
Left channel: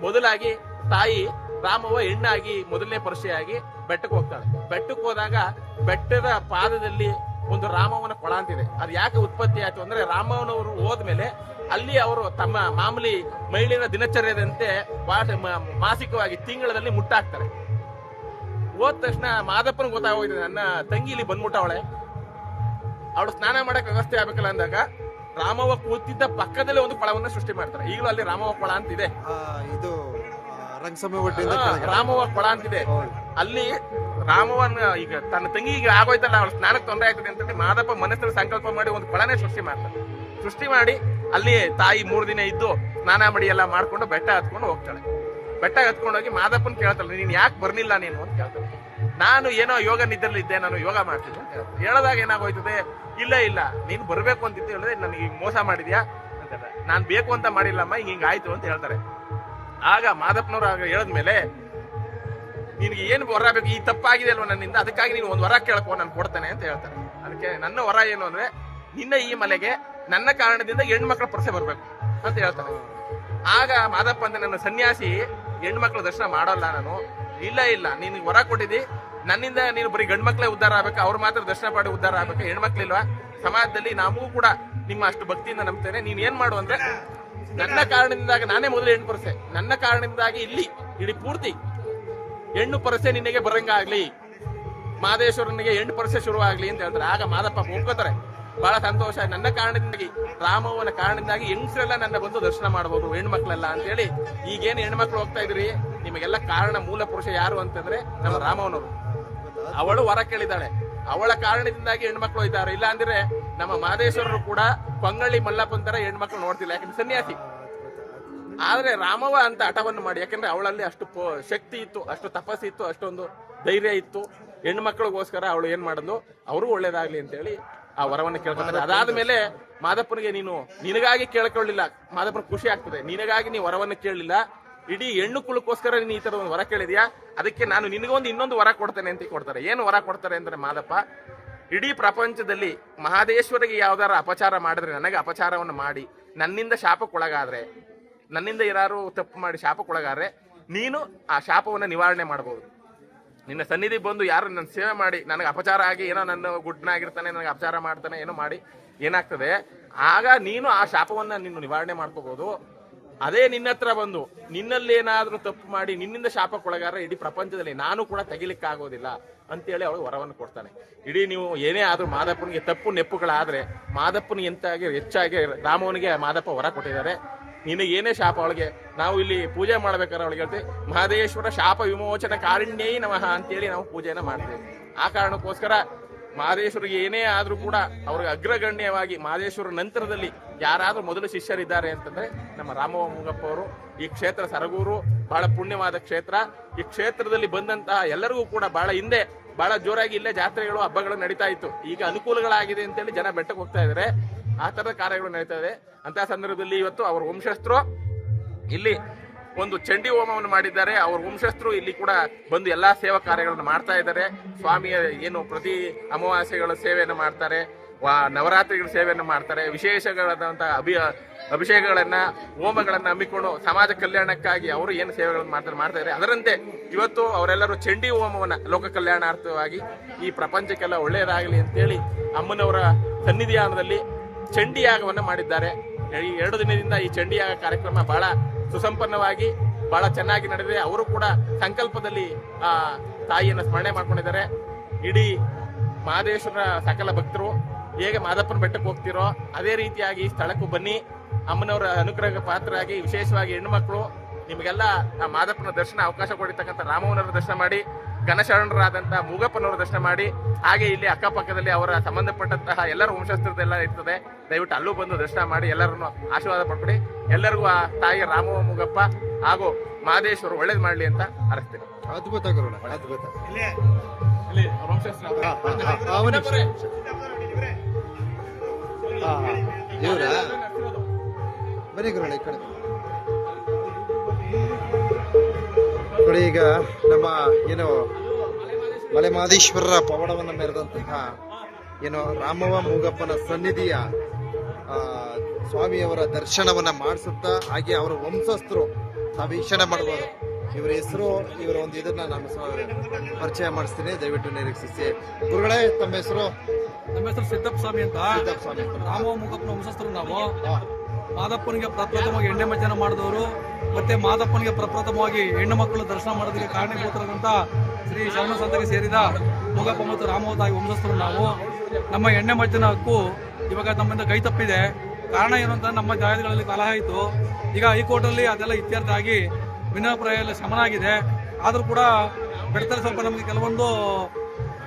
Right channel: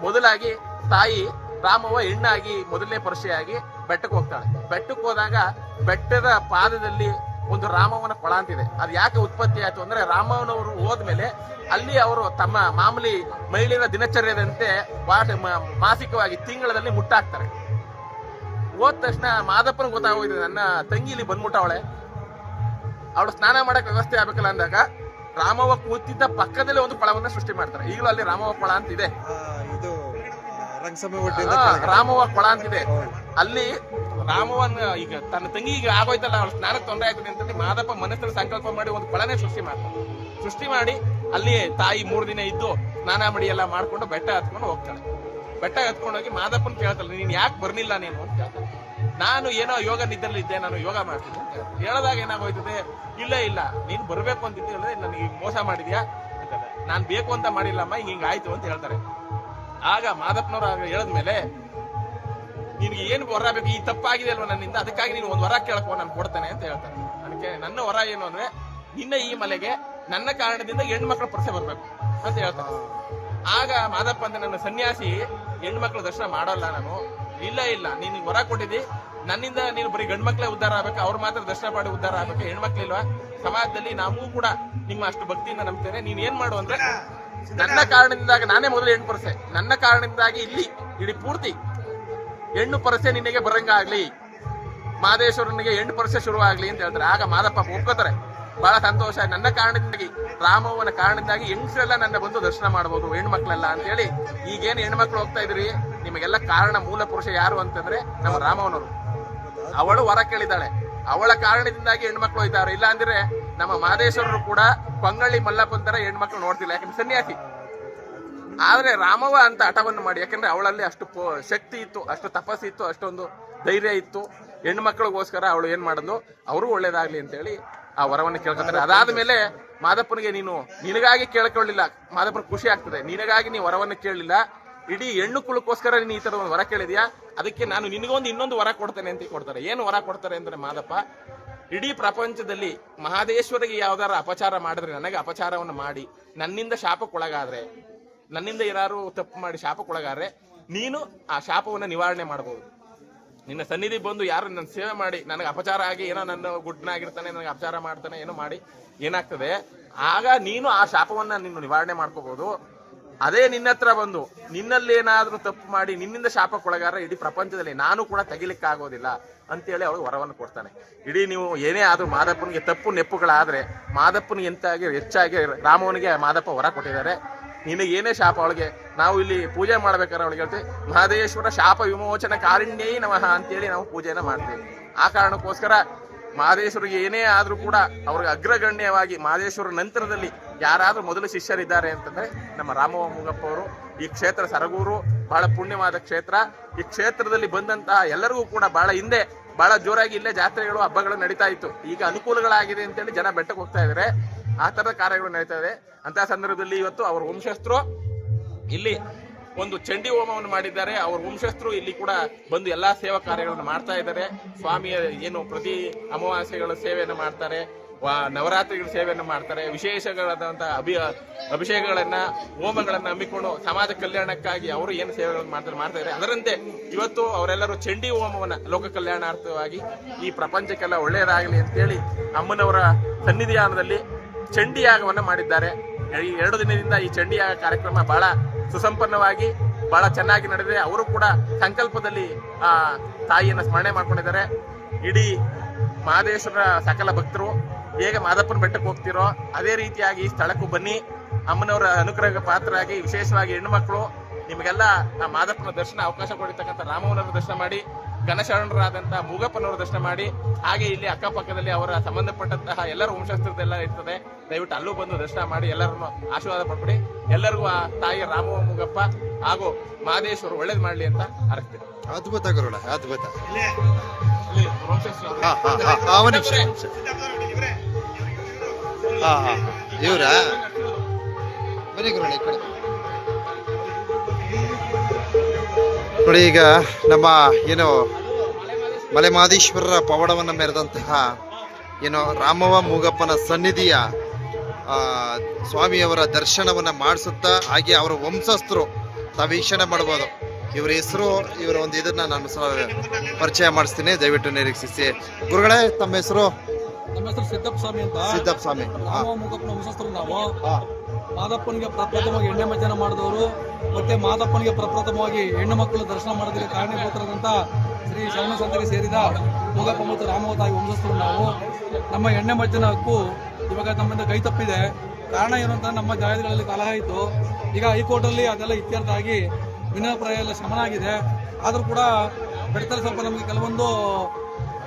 ಮೊದಲಾಗಿ ತಾಯಿ ರಾಮವ್ವ ಹೆಣ್ಣಾಗಿ ಮೊದಲನೇ ಪರಿಚಯಾಗಿ ಬೆಟ್ಟಕ್ಕೆ ಹೋಗ್ತಾಳೆ. ಬೆಟ್ಟಕ್ಕೆ ಹೋದಾಗ ಬೆಟ್ಟದ ಪಾದದಲ್ಲಿ ಒಂದು ರಾಮವ್ವನ ಕೊಳ ಅಂತಿದೆ. ಅದು ಯಾಕೆ ಉತ್ಪತ್ತಿ ಆಯ್ತು ಅಂದ್ರೆ, ರಾಮವ್ವನವರು ಹೋದ್ಮೇಲೆ ಅಲ್ಲಿ ಅವರು ತಮ್ಮ ಮಾಮೂಲಿ ಮಹಿಳೆಯರ ದಿನಚರ್ಯದಂತೆ ಮಾಸಿಕವಾಗಿ ತಿಂಗಳಲ್ಲಿ ಮುಟ್ಟಾಕ್ತಾರೆ. ಹೋದ ತಕ್ಷಣ ಮಾದಪ್ಪನ ಗೊತ್ತಾಗೋಗಿದೆ, ನನ್ನ ತಂಗಿ ಇಲ್ಲಿ ಬಂದ್ಬಿಟ್ಟವಳೆ, ಅವಳು ಸ್ನಾನ ಮಾಡಕ್ ವ್ಯವಸ್ಥೆ ಆಗ್ಬೇಕಲ್ಲ ಅಂದಾಗ ರಾಮವ್ವ ಕೂತಿದ್ದ ಪಕ್ಕದಲ್ಲೇ ಒಂದು ಕೊಳವನ್ನ ಸೃಷ್ಟಿ ಮಾಡ್ತಾರೆ. ಈಗಲೂ ಅಲ್ಲಿ ರಾಮವ್ವ ಕೊಳ ಅಂತಿದೆ, ಇದು ರಾಮವ್ವ ಕೊಳ ಅಂತಿದೆ. ಅಲ್ಲಿ ರಾಮವ್ವನ ಈಗ ತನ್ನ ತಂಗಿಗೆ ಆಗೋಯ್ತಲ್ಲ, ಅವಳು ಸ್ನಾನಕ್ಕೆ ತೊಂದರೆ ಆಗ್ತದೆ ಅಂತೇಳಿ ಮಾದಪ್ಪ ಮನಸ್ಸಲ್ಲಿ ಸಂಕಲ್ಪ ಮಾಡಿ ಒಂದು ಕೊಳನೇ ಸೃಷ್ಟಿ ಮಾಡಿ ಅಲ್ಲಿ ತಾಯಿ 3 ದಿನ ಇದ್ದು ಸ್ನಾನ ಮಾಡಿ ಎಲ್ಲ ಮಾಡ್ಕೊಂಡು ಬೆಟ್ಟ ಹತ್ಕೊಂಡು ಹೋಗ್ತಾಳೆ. ಬೆಟ್ಟ ಹತ್ಕೊಂಡೋಗಿ ಮಾದಪ್ಪನ್ ಕೇಳ್ತಾಳೆ, ನೀನ್ ಯಾಕೆ ಬರ್ಲಿಲ್ಲ ನೀನು ಅಂತ ಕೇಳ್ತಾಳೆ. ನಾನು ಏನೋ ಯೋಗ ನಿದ್ದಲ್ಲಿ ಇದ್ದೆ, ನಾನು ಯೋಗ ಮಾಡ್ತೀನಿ ಅಂತ ಹೇಳ್ತಾರೆ. ಹೇಳಿದಾಗ ಏನಾಗೋಯ್ತದೆ, ಇಲ್ಲ ನೀನ್ ಬರ್ಬೇಕು ಅಂತಿದ್ದೆ, ಹೇಳಿದ್ರೆ ನನಗೆ ಮೋಸ ಮಾಡಿದ್ಯಾ ಅಂತ. ನಾನ್ ಬೇಕು ಅಂತ ಮಾಡಿಲ್ಲಮ್ಮ, ಹಿಂಗ ಆಯ್ತು ಅಂತ ಹೇಳ್ತಾರೆ. ಆಗ ಮಾದಪ್ಪನವ್ರು ಹೇಳದ್ಮೇಲೆ, ನಿನ್ಗೆ ಏನು ವರ ಬೇಕು, ಈ ತಪ್ಪಾಗಿದೆ ಅಲ್ವಾ ನನ್ನಿಂದ, ಅದಕ್ಕಾಗಿ ನೀನು ಒಂದು ವರ ಕೇಳ್ಕೊ, ನಾನು ಕೊಡ್ತೇನೆ ಅಂತ ಹೇಳ್ತಾರೆ. ಅದಕ್ಕೆ ನನ್ನ ವರ ಏನು ಅಂದ್ರೆ, ನಿನ್ನ ಈ ಮಲೆಗೆ ನನ್ನ ಕಾರಣದಿಂದ ಹೆಣ್ಮಕ್ಳ ಪರಸೆ ಬರ್ಬೇಕು ಅಂತ ಹೇಳ್ತಾರೆ. ಆಗ ಮಾದಪ್ಪ ಅಂದ್ರೆ, ನನ್ನ ಸನ್ಯಾಸಿ ಹೆಣ್ಮಕ್ಳ ದರ್ಶನ ಮಾಡೋಲ್ಲ ನಾನು. ಇಲ್ಲ ನೀನು ವರ ಕೊಟ್ಟಿದ್ದಿ, ನನ್ನಿಂದ ನೀನು ಬರೀ ಗಂಡ್ಮಕ್ಳೇ ಉದ್ಧಾರ ಆಗ್ಬೇಕು, ಅವ್ರು ಮಾತ್ರ ದರ್ಶನ ಮಾಡಿ ಉದ್ಧಾರ ಆಗ್ಬೇಕು, ಹೆಣ್ಮಕ್ಳಿಲ್ವಾ? ಸಮಾಜದಲ್ಲಿ ನಾವು ಕೂಡ ನಿಮ್ಮ ಅಷ್ಟು ಭಕ್ತಿಯಿಂದ ನಂಬ್ತೇನೆ. ನೀನ್ ಏನ್ ಮಾಡು ಅಂದ್ರೆ, ನನ್ನ ಕಾರಣದಿಂದಾಗಿ ನಾನೇ ಮೊದಲು ಹೆಣ್ಣು ಪರಸೆ, ನನ್ನ ಕಾರಣದಿಂದಾಗಿ ಇಲ್ಲಿ ಇಡೀ ಪೂರ್ತಿ ಹೆಣ್ಣು ಪರಸೆ ನಿನಗೆ ಬರಂಗಾಗ್ಲಿ, ಮಾದೇಶ್ವರನಿಗೆ 8 ವರ್ಷ ಶುರುವಾಗ್ಲಿ ಅಂತ ಹೇಳ್ತಾರೆ. ಆಗ ಮಾದಪ್ಪ ಒಪ್ಕೋತಾರೆ. ಬಹಳ ಸಂತೋಷ, ನನ್ನ ಕಾರಣದಿಂದಾಗಿ, ರಾಮವ್ವನ ಕಾರಣದಿಂದಾಗಿ ಹೆಂಗಸರೆಲ್ಲ ನನ್ನ ಬಂದು ದರ್ಶನ ಮಾಡಬಹುದು, ಹೆಣ್ಮಕ್ಳೆಲ್ಲ ಅಂತ ಹೇಳಿ. ಈಗೇನು ಹೆಣ್ಮಕ್ಳು ಹೋಗ್ತಾ ಇದ್ರಿ, ನಿಮಗೆಲ್ಲ ಕಾರಣ ಮೂಲ ಪುರುಷ ಯಾರು ಅಂತಂದ್ರೆ ನಮ್ಮ ರಾಮವ್ವನವರು. ಅವಳು ವರ ಕೇಳಿದಾಳೆ, ಅವಳ ಕಾರಣದಿಂದಾಗಿ ಹೆಣ್ಮಕ್ಳು ಹೋಯ್ತಾರೆ. ಇಲ್ಲ ಅಂದ್ರೆ ನಮ್ಮ ಮಾದೇಶ್ವರರು ಕೂಡ ಕೊಂಗಳ್ಳಿ ಮಲ್ಲಪ್ಪನ ತರ ಹೆಣ್ಮಕ್ಳು ನೋಡ್ತಿಲ್ಲ, ಯಾಕಂದ್ರೆ ಸನ್ಯಾಸಿ. ಆದ್ರೆ ರಾಮವ್ವ ಅಂತ ಹಠವನ್ನು ಮಾಡಿ, ಯಾಕಂದ್ರೆ ಅವಳಲ್ಲಿ ಅಷ್ಟು ಶಕ್ತಿ ಇತ್ತು, ಅಷ್ಟು ತಪಸ್ಸು ಇತ್ತು, ಅಷ್ಟೊಂದು ಧೈರ್ಯ ಇತ್ತು. ಹೆಣ್ಮಕ್ಳಿಗೋಸ್ಕರ ಅವಳು ಏನ್ ಮಾಡಿದ್ಲು, ಅವರು ಒಳ್ಳೇದಾಗ್ಲಿ ಅಂತ ಹೇಳಿ ಆ ವರವನ್ನು ಕೇಳ್ಕೊತಾರೆ. ಅದಾದ್ಮೇಲೆ ಮಾದಪ್ಪನಿಗೆ ನಿನಗಾಗಿ ಕೇಳ್ಕೊಳ್ಳಿಲ್ಲ, ಮಾದಪ್ಪನ ಖುಷಿ ಆಗ್ತದೆ, ನಿನಗಾಗಿ ನೀವು ವರವನ್ನು ಕೇಳಲಿಲ್ಲ, ಇಡೀ ಹೆಣ್ಣು ಕುಲಕ್ಕೋಸ್ಕರ ನೀನು ಈ ತರ ಒಂದು ವರ ಕೇಳಿದ್ಯಾ, ಅದಕ್ಕೆ ನಾನು ನಿನಗೊಂದು ಇನ್ನೊಂದು ವರ ಕೊಡ್ತೇನೆ ಅಂತ ಕೊಡ್ತಾರೆ. ಏನು ವರ ಕೊಡ್ತಾರೆ ಅಂದ್ರೆ ಮಾದಪ್ಪ, ಇಡೀ ಪ್ರಪಂಚದಲ್ಲಿ ಮಹಾದೇಶ್ವರಿಗೆ ಯಾವ್ದಾರ ಅಪಚಾರ ಮಾಡಿದ್ರೆ, ನನಗೆ ಅಪಚಾರವನ್ನು ಮಾಡಿ ನನ್ನಿಂದ ಶಾಪಕ್ಕೊಳಗಾದ್ರೆ, ನನ್ನಿಂದ ಯಾರು ತಪ್ಪು ಮಾಡಿ ಶಾಪಕ್ಕೊಳಗಾದ್ರೆ ನೀನು ಆ ಶಾಪವನ್ನು ನಿವಾರಣೆ ಮಾಡಬಹುದು. ನಿನ್ನ ಸನ್ನಿಧಿ ಬಂದು ಯಾರು ನನ್ನ ಸೇವೆ ಮಾಡಿ ನನಗೆ ಅಪಚಾರ ಆಗಿ ಏನೋ ನನ್ನ ಗುಡ್ಡನಾಗಿರ್ತಾನೆ, ನನಗೆ ಅಪಚಾರ ಮಾಡ್ತಾನೆ, ಏನೋ ಮಾಡಿ ಏನಾಗ್ತದೆ, ಆಗ ನೀನು ಆ ಶಾಪವನ್ನ ನೀನು ನಿವಾರಣೆ ಮಾಡ್ಕೋಬಹುದು. ಅದೇ ನಿನ್ನ ಹತ್ರ ಬಂದು ನಿನ್ನಲ್ಲಿ ಏನಾದ್ರೂ ತಪ್ಪು ಮಾಡಿ ನಿನ್ನಿಂದ ಶಾಪಕ್ಕೊಳಗಾರ ಇಡೀ ಪ್ರಪಂಚದಲ್ಲಿ ನಾನು ಕೂಡ ತೆಗಿಲಿಕ್ಕಾಗೋದಿಲ್ಲ ಅಂತೇಳಿ ಅವಳು ವರವನ್ನು ಕೊಡ್ತಾನೆ. ಇಡೀ ನೀವು ಏನೇ ಆದ್ರೂ ಮಾದಪ್ಪನಿಗೆ ತಪ್ಪು ನೆಪ್ಪುಗಳಾದ್ರೆ, ಮಾದಪ್ಪನಿಗೆ ಹೆಚ್ಚಾಗಿ ರಾಮವನಿಗೆ ಮಾದಪ್ಪ ವರ ಕೊಟ್ಟಿದ್ದಾರೆ. ನಿನಗೆ ಏನೇ ಶಾಪ, ಅವಳಿಗೆ ನಾವು ಇಲ್ಲಿ ಪೂಜೆ ಮಾಡ್ಬೇಕಾದ್ರೆ ಅವಳಿಗೆ ಹೇಳ್ತೀವಿ, ಮಹದೇಶ್ವರ ಶಾಪ ವಿಮೋಚನ ಕಾರುಣ್ಯೈ ನಮಃ ಅಂತೇಳಿ ನಾವು ಪೂಜೆನ ಮಾಡ್ತೇವೆ. ಆ ಕಾರಣಕ್ಕೋಸ್ಕರ ಮಹದೇಶ್ವರಿಗೆ ಏನೇ ಆದ್ರೂ ಕೂಡ ಅವ್ರಿಗೆ ಅಗ್ರಗಣ್ಯವಾಗಿ ಮಹದೇಶ್ವರ ನಂತರದಲ್ಲಿ ಯಾರಾದ್ರೂ ಮೊದಲು ಶಿಷ್ಯರಿದ್ದಾರೆ ಅಂತಂದ್ರೆ ನಮ್ಮ ರಾಮವ್ವ ಮೂಗಪ್ಪ ಅವರು. ಈ ಕ್ಷೇತ್ರ ಸರಗೂರು ಬಹಳ ಪುಣ್ಯವಾದ ಕ್ಷೇತ್ರ. ಈ ಕ್ಷೇತ್ರದಲ್ಲಿ ಬಂದಂತಹ ಎಲ್ಲರಿಗೂ ಕೂಡ ಬಹಳ ಹಿಂದೆ ಬಹಳ ಜೋರಾಗಿ ಇಲ್ಲೇ ಜಾತ್ರೆಗಳು ಹಬ್ಬಗಳು ನಡೀತಾ ಇತ್ತು. ಈಗ ಅನುಕೂಲಗಳಾಗಿದೆ ಅಂತೇಳಿ ಜನ ಬೆಟ್ಟಕ್ಕೆ ಹೋಗ್ತಾ ಇದಾರೆ, ಆ ತರದ ಕಾರ್ಯಗಳು ನಡೀತಾ ಇದೆ. ಅಂತ ಸಂದರ್ಭದಲ್ಲಿ ಇವತ್ತು ಅವರ ವಂಶಸ್ಥರು ಇಲ್ಲಿ ಒಂದು ಚಂಡಿ ಹೋಮವನ್ನು ಮಾಡಿದ್ದಾರೆ. ಅವ್ರ ವಂಶಸ್ಥರು ಇಲ್ಲಿ ಕೂಡ ಬಂದು ಎಲ್ಲಾ ಸೇವಾ ಕಾರ್ಯಗಳನ್ನು ಮಾಡ್ತಾ ಇದ್ದಾರೆ. ಸ್ವಾಮಿಯ ಏನು ಪ್ರತಿ ಅಮಾವಾಸ್ಯೆಗಳ ಸೇವೆಯನ್ನು ಮಾಡ್ತಾರೆ, ನವರಾತ್ರಿಗಳ ಸೇವೆಯನ್ನು ಮಾಡ್ತಾರೆ, ವಿಶೇಷಗಳಾದಂತಹ ಅಭಿಷೇಕಗಳನ್ನ ಹೋಮಗಳನ್ನ ಹಮ್ಮಿಕೊಂಡು ಸಮಾಜ ಕಲ್ಯಾಣಕ್ಕಾಗಿ ಅವರು ಏನು ಸೇವೆಗಳನ್ನು ಮಾಡ್ತಾ ಇದ್ದಾರೆ. ಅದರಂತೆ ಇವತ್ತು ಅವರೆಲ್ಲರೂ ಚಂಡಿ ಹೋಮವನ್ನ ಲೋಕ ಕಲ್ಯಾಣಾರ್ಥವಾಗಿ ಈ ಪ್ರಪಂಚಕ್ಕೆಲ್ಲ ಒಳ್ಳೆಯದಾಗಲಿ ಅಂತೇಳಿ ಅಮ್ಮನವರ ಸನ್ನಿಧಾನದಲ್ಲಿ ಚಂಡಿಯಾಗವನ್ನ ಮಾಡಿದ್ದಾರೆ. ಈ 2 ದಿನದಿಂದ ಈ ಚಂಡಿಯಾಗ ಕಾರ್ಯಕ್ರಮ ಬಹಳ ಸುಸಂಪನ್ನವಾಗಿ ಬಹಳ ಚೆನ್ನಾಗಿ ನಡೆದಿದೆ. ಅವರು ಕೂಡ ಸಂಕಲ್ಪದಲ್ಲಿ ಆ ತಾಯಿಯನ್ನು ಸ್ಮರಣೆ ಮಾಡ್ಕೊಂಡಿದ್ದಾರೆ. ಇಡೀ ಮಹದೇಶ್ವರ ಸಕಲ ಭಕ್ತರು ಹೇಗೆ ಮಾದಪ್ಪನ ಬೆಟ್ಟಕ್ಕೆ ಹೋಗ್ತಿರೋ ಅದೇ ರೀತಿಯಾಗಿ ಸ್ಥಳಕ್ಕೂ ಬನ್ನಿ, ಅಮ್ಮನವರ ಅನುಗ್ರಹ ಪಾತ್ರರಾಗಿ, ವಿಶೇಷವಾಗಿ ಹೆಣ್ಣುಮಕ್ಕಳು ನಿಮಗೆಲ್ಲ ಆ ಮಾದಪ್ಪನ ದರ್ಶನ ಅವಕಾಶ ಕೊಡಿರ್ತಕ್ಕಂಥ ರಾಮವನವರ ದರ್ಶನ ಮಾಡಿ, ಘನಶರಣರಾದಂತಹ ಮೂಗಪ್ಪನವರ ದರ್ಶನ ಮಾಡಿ, ಹಾಗೆ ಇಲ್ಲಿ ಅಕ್ಕಪಕ್ಕದಲ್ಲಿ ಅವರ ಸಂಬಂಧಪಟ್ಟಂತಹ ಎಲ್ಲರ ವಂಶಸ್ಥರದೆಲ್ಲ ಇರ್ತದೆ. ದಯವಿಟ್ಟು ಅಲ್ಲೂ ಬಂದು ದರ್ಶನ ಮಾಡಿ ಎಲ್ಲರನ್ನು ಆಶೀರ್ವಾದ ಪಡ್ಕೊಡಿ. ಎಲ್ಲರಿಗೂ ಆ ತಾಯಿ ರಾಮವ್ವ ಮೂಗಪ್ಪ ಹಾಗೂ ಮಹದೇಶ್ವರು ಒಳ್ಳೇದು ಮಾಡ್ಲಿ ಅಂತ ಅರಸ್ತೇನೆ. ಅದ್ಭುತ ಗುರುಳ, ಅದ್ಭುತ. ಇವ್ರ ಬನ್ನಿ ಗುರುಳ ಈ ಕಡೆ ನೋಡಿ. ಈಗ ನಮ್ಮ ಏನು ಮಲೆಮಹದೇಶ್ವರರ ಪವಾಡವನ್ನು ಮೆರೆದಂತಹ ಏನು ರಾಮವ್ವ ಮೂಗಪ್ಪನ ಸನ್ನಿಧಿಯ ಸ್ವಾಮಿಯವರ ದರ್ಶನವನ್ನ ಮಾಡಿಸುತ್ತಾ, ಹಾಗೆ ಅವರ ವಂಶಸ್ಥರು ತಾವು ವೀಕ್ಷಣೆ ಮಾಡ್ಬೋದು. ಇವರ ಹೆಸರು, ಇವರ ಒಂದು ಇದನ್ನ ನಾನು ಪರಿಚಯ ಮಾಡಿಸ್ತೀನಿ, ದಯವಿಟ್ಟು ನಿರೀಕ್ಷಿಸಿ. ಗುರುಗಳೇ, ತಮ್ಮ ಹೆಸರು? ನಮ್ಮ ಹೆಸರು ಸಿದ್ದಪ್ಪ ಸ್ವಾಮಿ ಅಂತ. ಸಿದ್ದಪ್ಪ ಸ್ವಾಮಿ. ರಾಮವ್ವ ಮೂಗಪ್ಪನ ವಂಶಸ್ಥರು ನಾವು. ಮಾದಪ್ಪನಿಗೆ ಪ್ರಪ್ರಥಮವಾಗಿ ಎಣ್ಣೆ ಮಜ್ಜನ ಮಾಡಿದವರು, ಮತ್ತೆ ಮಾದಪ್ಪನಿಗೆ ಪ್ರಪ್ರಥಮವಾಗಿ ಹೆಣ್ಣು ಮಕ್ಕಳು ದರ್ಶನ ಮಾಡೋದಕ್ಕೆ ಕಾರಣೀಭೂತರಾದಂತ ಶ್ರೀ ಶರಣ ಸಂತಕ್ಕೆ ಸೇರಿದ ಮೂಗಪ್ಪ ಮತ್ತು ರಾಮವ್ವ ತಾಯಿ ವಂಶಸ್ಥರು ನಾವು. ನಮ್ಮ ಎಣ್ಣೆ ಮಜ್ಜನ ಹಕ್ಕು ಇವಾಗ ನಮ್ಮಿಂದ ಕೈ ತಪ್ಪಿದೆ. ಕಾರಣ ಏನು ಅಂತ ನಮ್ಮ ಜಾಗಗಳಲ್ಲಿ ಕಲಹ ಆಯಿತು. ಈಗ ಹೈಕೋರ್ಟಲ್ಲಿ ಅದೆಲ್ಲ ಇತ್ಯರ್ಥ ಆಗಿ ಭಿನ್ನಾಭಿಪ್ರಾಯ ಎಲ್ಲ ಶಮನ ಆಗಿದೆ. ಆದರೂ ಕೂಡ ಬೆಟ್ಟದಲ್ಲಿ ಸ್ವಲ್ಪ ನಮಗೆ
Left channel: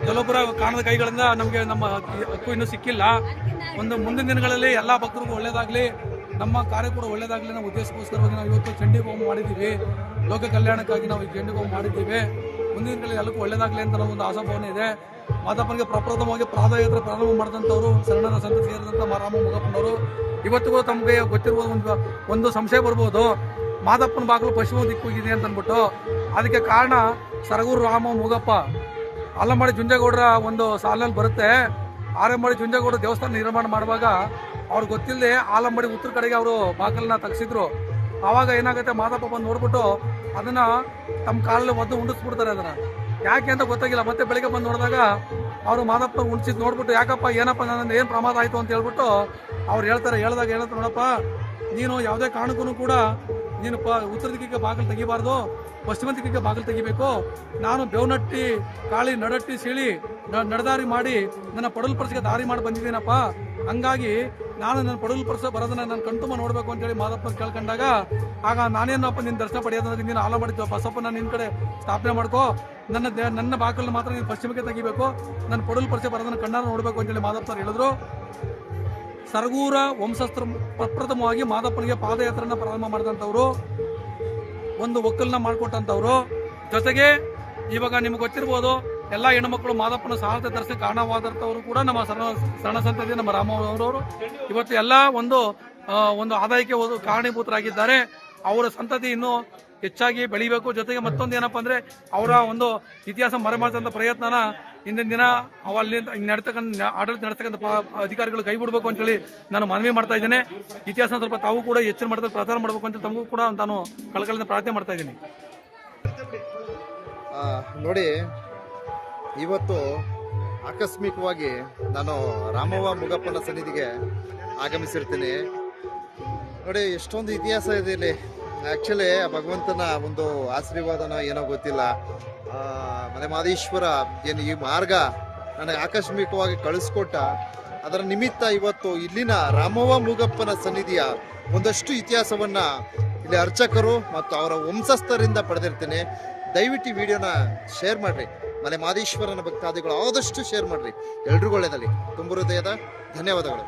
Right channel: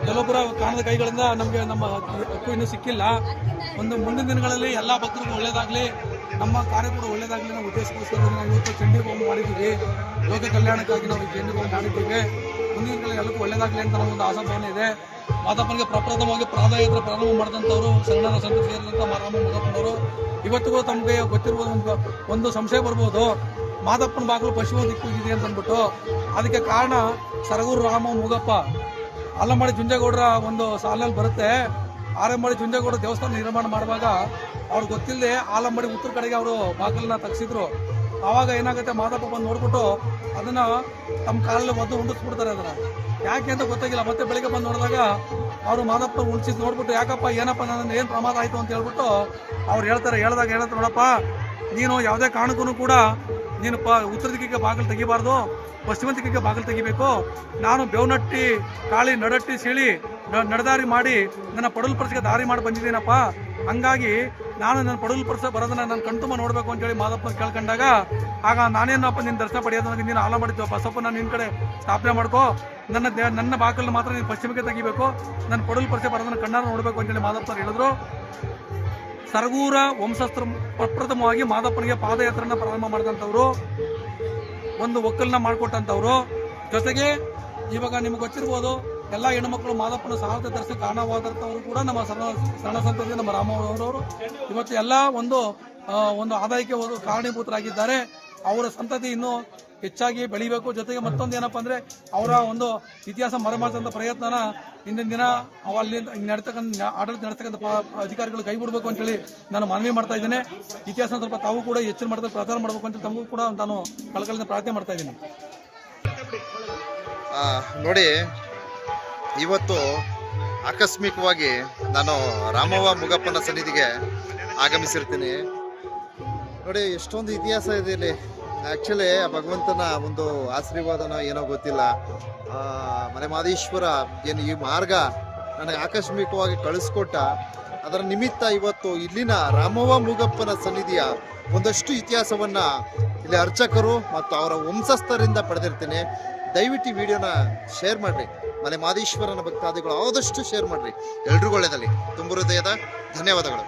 ಕೆಲವೊಬ್ಬರ ಕಾಣದ ಕೈಗಳಿಂದ ನಮಗೆ ನಮ್ಮ ಹಕ್ಕು ಇನ್ನೂ ಸಿಕ್ಕಿಲ್ಲ. ಮುಂದಿನ ದಿನಗಳಲ್ಲಿ ಎಲ್ಲ ಭಕ್ತರಿಗೂ ಒಳ್ಳೇದಾಗಲಿ, ನಮ್ಮ ಕಾರ್ಯ ಕೂಡ ಒಳ್ಳೇದಾಗಲಿ ನಾವು ಉದ್ದೇಶಕ್ಕೋಸ್ಕರ ನಾವು ಇವತ್ತು ಚಂಡಿ ಹೋಮ ಮಾಡಿದ್ದೀವಿ. ಲೋಕ ಕಲ್ಯಾಣಕ್ಕಾಗಿ ನಾವು ಚಂಡಿ ಹೋಮ ಮಾಡಿದ್ದೀವಿ. ಮುಂದಿನ ದಿನಗಳಲ್ಲಿ ಎಲ್ಲಕ್ಕೂ ಒಳ್ಳೇದಾಗಲಿ ಅಂತ ನಮ್ಮೊಂದು ಆಶಾಭಾವನೆ ಇದೆ. ಮಾದಪ್ಪನಿಗೆ ಪ್ರಪ್ರಥಮವಾಗಿ ಪಾದಯಾತ್ರೆ ಪ್ರಾರಂಭ ಮಾಡಿದಂಥವ್ರು ಶರಣರ ಸಂತ ಸೇರಿದಂಥ ರಾಮ ಮೂಗಪ್ಪನವರು. ಇವತ್ತಿಗೂ ತಮಗೆ ಗೊತ್ತಿರುವ ಒಂದು ಸಂಶಯ ಬರ್ಬೋದು, ಮಾದಪ್ಪನ ಬಾಗಿಲು ಪಶ್ಚಿಮ ದಿಕ್ಕು ಇದೆ ಅಂತ ಅಂದ್ಬಿಟ್ಟು. ಅದಕ್ಕೆ ಕಾರಣ ಸರಗೂರು ರಾಮ ಮೂಗಪ್ಪ ಆಲಂಬಾಡಿ ಜುಂಜೇಗೌಡರ ಒಂದು ಸಾಲಿನಲ್ಲಿ ಬರುತ್ತೆ. ಆಲಂಬಾಡಿ ಜುಂಜೇಗೌಡ ದೇವಸ್ಥಾನ ನಿರ್ಮಾಣ ಮಾಡುವಾಗ ಅವ್ರಿಗೆ ಗೊತ್ತಿಲ್ಲದೆ ಆಲಂಬಾಡಿ ಉತ್ತರ ಕಡೆಗೆ ಅವರು ಬಾಗಿಲನ್ನ ತೆಗೆಸಿದ್ರು. ಆವಾಗ ಏನಾಗುತ್ತೆ, ಮಾದಪ್ಪ ಬಂದು ನೋಡ್ಬಿಟ್ಟು ಅದನ್ನ ತಮ್ಮ ಕಾಲಲ್ಲಿ ಒದ್ದು ಉಂಡಿಸ್ಬಿಡ್ತಾರೆ. ಅದನ್ನ ಯಾಕೆ ಅಂತ ಗೊತ್ತಾಗಿಲ್ಲ. ಮತ್ತೆ ಬೆಳಿಗ್ಗೆ ಬಂದು ನೋಡಿದಾಗ ಅವರು ಮಾದಪ್ಪ ಉಳಿಸಿದ್ ನೋಡ್ಬಿಟ್ಟು, ಯಾಕಪ್ಪ ಏನಪ್ಪ ನನ್ನ ಏನು ಪ್ರಮಾದ ಆಯಿತು ಅಂತ ಹೇಳ್ಬಿಟ್ಟು ಅವ್ರು ಹೇಳ್ತಾರೆ. ಹೇಳಿದಾಗ ನೋಡಪ್ಪ, ನೀನು ಯಾವುದೇ ಕಾರಣಕ್ಕೂ ಕೂಡ ನೀನು ಉತ್ತರ ದಿಕ್ಕಿಗೆ ಬಾಗಿಲು ತೆಗಿಬಾರ್ದು, ಪಶ್ಚಿಮ ದಿಕ್ಕಿಗೆ ಬಾಗಿಲು ತೆಗಿಬೇಕು. ನಾನು ಬೇವನಟ್ಟಿ ಕಾಳಿ ನಡಟ್ಟಿ ಸೀಳಿ ನಡೆದಾರಿ ಮಾಡಿ ನನ್ನ ಪಡಲ್ಪರ್ಸಿಗೆ ದಾರಿ ಮಾಡಿ ಬಂದಿದ್ದೀನಪ್ಪ. ಹಂಗಾಗಿ ನಾನು ನನ್ನ ಪಡಲ್ಪರ್ಸ ಬರೋದನ್ನ ನಾನು ಕಣ್ತುಂಬ ನೋಡ್ಬೇಕು ಅಂತೇಳಿ ಮಾದಪ್ಪ ಕೇಳ್ಕೊಂಡಾಗ, ಆಗ ನಾನೇನಪ್ಪ ನಿನ್ನ ದರ್ಶನ ಪಡೆಯೋದನ್ನ ನೀನು ಆಲ ಮಾಡಿದ್ವ ಬಸಪ್ಪ, ನಾನು ನಿನ್ನ ಕಡೆ ಸ್ಥಾಪನೆ ಮಾಡ್ಕೋ, ನನ್ನ ಬಾಗಿಲನ್ನು ಮಾತ್ರ ನೀನು ಪಶ್ಚಿಮಕ್ಕೆ ತೆಗಿಬೇಕು, ನನ್ನ ಪಡಲ್ಪರ್ಸೆ ಬರೋದನ್ನ ಕಣ್ಣಾರ ನೋಡ್ಬೇಕು ಅಂತೇಳಿ ಮಾದಪ್ಪನವ್ರು ಹೇಳಿದ್ರು. ಸರಗೂರ ವಂಶಸ್ಥರು ಪ್ರಪ್ರಥಮವಾಗಿ ಮಾದಪ್ಪನಿಗೆ ಪಾದಯಾತ್ರೆನ ಪ್ರಾರಂಭ ಮಾಡಿದಂಥವ್ರು, ಒಂದು ಒಕ್ಕಲನ್ನ ಮಾಡಿಕೊಟ್ಟಂಥವ್ರು. ಜೊತೆಗೆ ಇವಾಗ ನಿಮ್ಗೆ ಗೊತ್ತಿರ್ಬೋದು, ಎಲ್ಲ ಹೆಣ್ಣುಮಕ್ಕಳು ಮಾದಪ್ಪನ ಸಾಹಸ ದರ್ಶನ ಕಾರಣವಾದಂಥವ್ರು ಕೂಡ ನಮ್ಮ ಶರಣ ಸಂತತಿ ನಮ್ಮ ರಾಮವರವರು ಇವತ್ತು ಎಲ್ಲ ಒಂದು ಆದಾಯಕ್ಕೆ ಕಾರಣೀಭೂತರಾಗಿದ್ದಾರೆ. ಅವರ ಸಂತತಿ ಇನ್ನೂ ಹೆಚ್ಚಾಗಿ ಬೆಳಿಬೇಕು. ಜೊತೆಗೆ ಮತ್ತೊಂದು ಏನಪ್ಪಾ ಅಂದ್ರೆ ಅವರ ಒಂದು ಇತಿಹಾಸ ಮರೆಮಾಚುವಂತ ಪ್ರಯತ್ನನ ಇಂದಿನ ದಿನ ಅಲ್ಲಿ ಆಡಳಿತ ನಡೆಸ್ತಕ್ಕಂಥ ಅಧಿಕಾರಿಗಳು ಕೈ ಬಿಡಬೇಕು ಅಂತೇಳಿ ನಾನು ಮನವಿ ಮಾಡ್ತಾ ಇದ್ದೇನೆ. ಇತಿಹಾಸ ಸ್ವಲ್ಪ ತಾವು ಕೂಡ ಹೆಚ್ಚಿನ ಮಟ್ಟದಲ್ಲಿ ಪ್ರಚಾರ ಮಾಡಬೇಕು ಅಂತ ತಮಗೂ ಕೂಡ ನಾನು ಕಳಕಳಿಯಿಂದ ಪ್ರಾರ್ಥನೆ ಮಾಡ್ತಾ ಇದ್ದೀನಿ. ನೋಡಿ, ಇವತ್ತು ಆಕಸ್ಮಿಕವಾಗಿ ನಾನು ರಾಮವ್ವ ಮುಗಪ್ಪನ ಸನ್ನಿಧಿಗೆ ಆಗಮಿಸಿರ್ತೀನಿ. ನೋಡಿ, ಎಷ್ಟೊಂದು ಇತಿಹಾಸ ಇದೆ ಇಲ್ಲಿ. ಆ್ಯಕ್ಚುಲಿ ಭಗವಂತನ ಒಂದು ಆಶೀರ್ವಾದನ ಏನೋ ಗೊತ್ತಿಲ್ಲ. ಮಲೆಮಹದೇಶ್ವರ ಏನು ಈ ಮಾರ್ಗ ನನಗೆ ಆಕಸ್ಮಿಕವಾಗಿ ಕಳಿಸ್ಕೊಟ್ಟ. ಅದರ ನಿಮಿತ್ತ ಇವತ್ತು ಇಲ್ಲಿನ ರಾಮವ್ವ ಮುಗಪ್ಪನ ಸನ್ನಿಧಿಯ ಒಂದಷ್ಟು ಇತಿಹಾಸವನ್ನ ಇಲ್ಲಿ ಅರ್ಚಕರು ಮತ್ತು ಅವರ ವಂಶಸ್ಥರಿಂದ ಪಡೆದಿರ್ತೀನಿ. ದಯವಿಟ್ಟು ಈ ವಿಡಿಯೋನ ಶೇರ್ ಮಾಡ್ರಿ. ಮಲೆಮಹದೇಶ್ವರನ ಭಕ್ತಾದಿಗಳು ಆದಷ್ಟು ಶೇರ್ ಮಾಡ್ರಿ. ಎಲ್ರಿಗೂ ಒಳ್ಳೆಯದಲ್ಲಿ ತುಂಬ ಹೃದಯದ ಧನ್ಯವಾದಗಳು.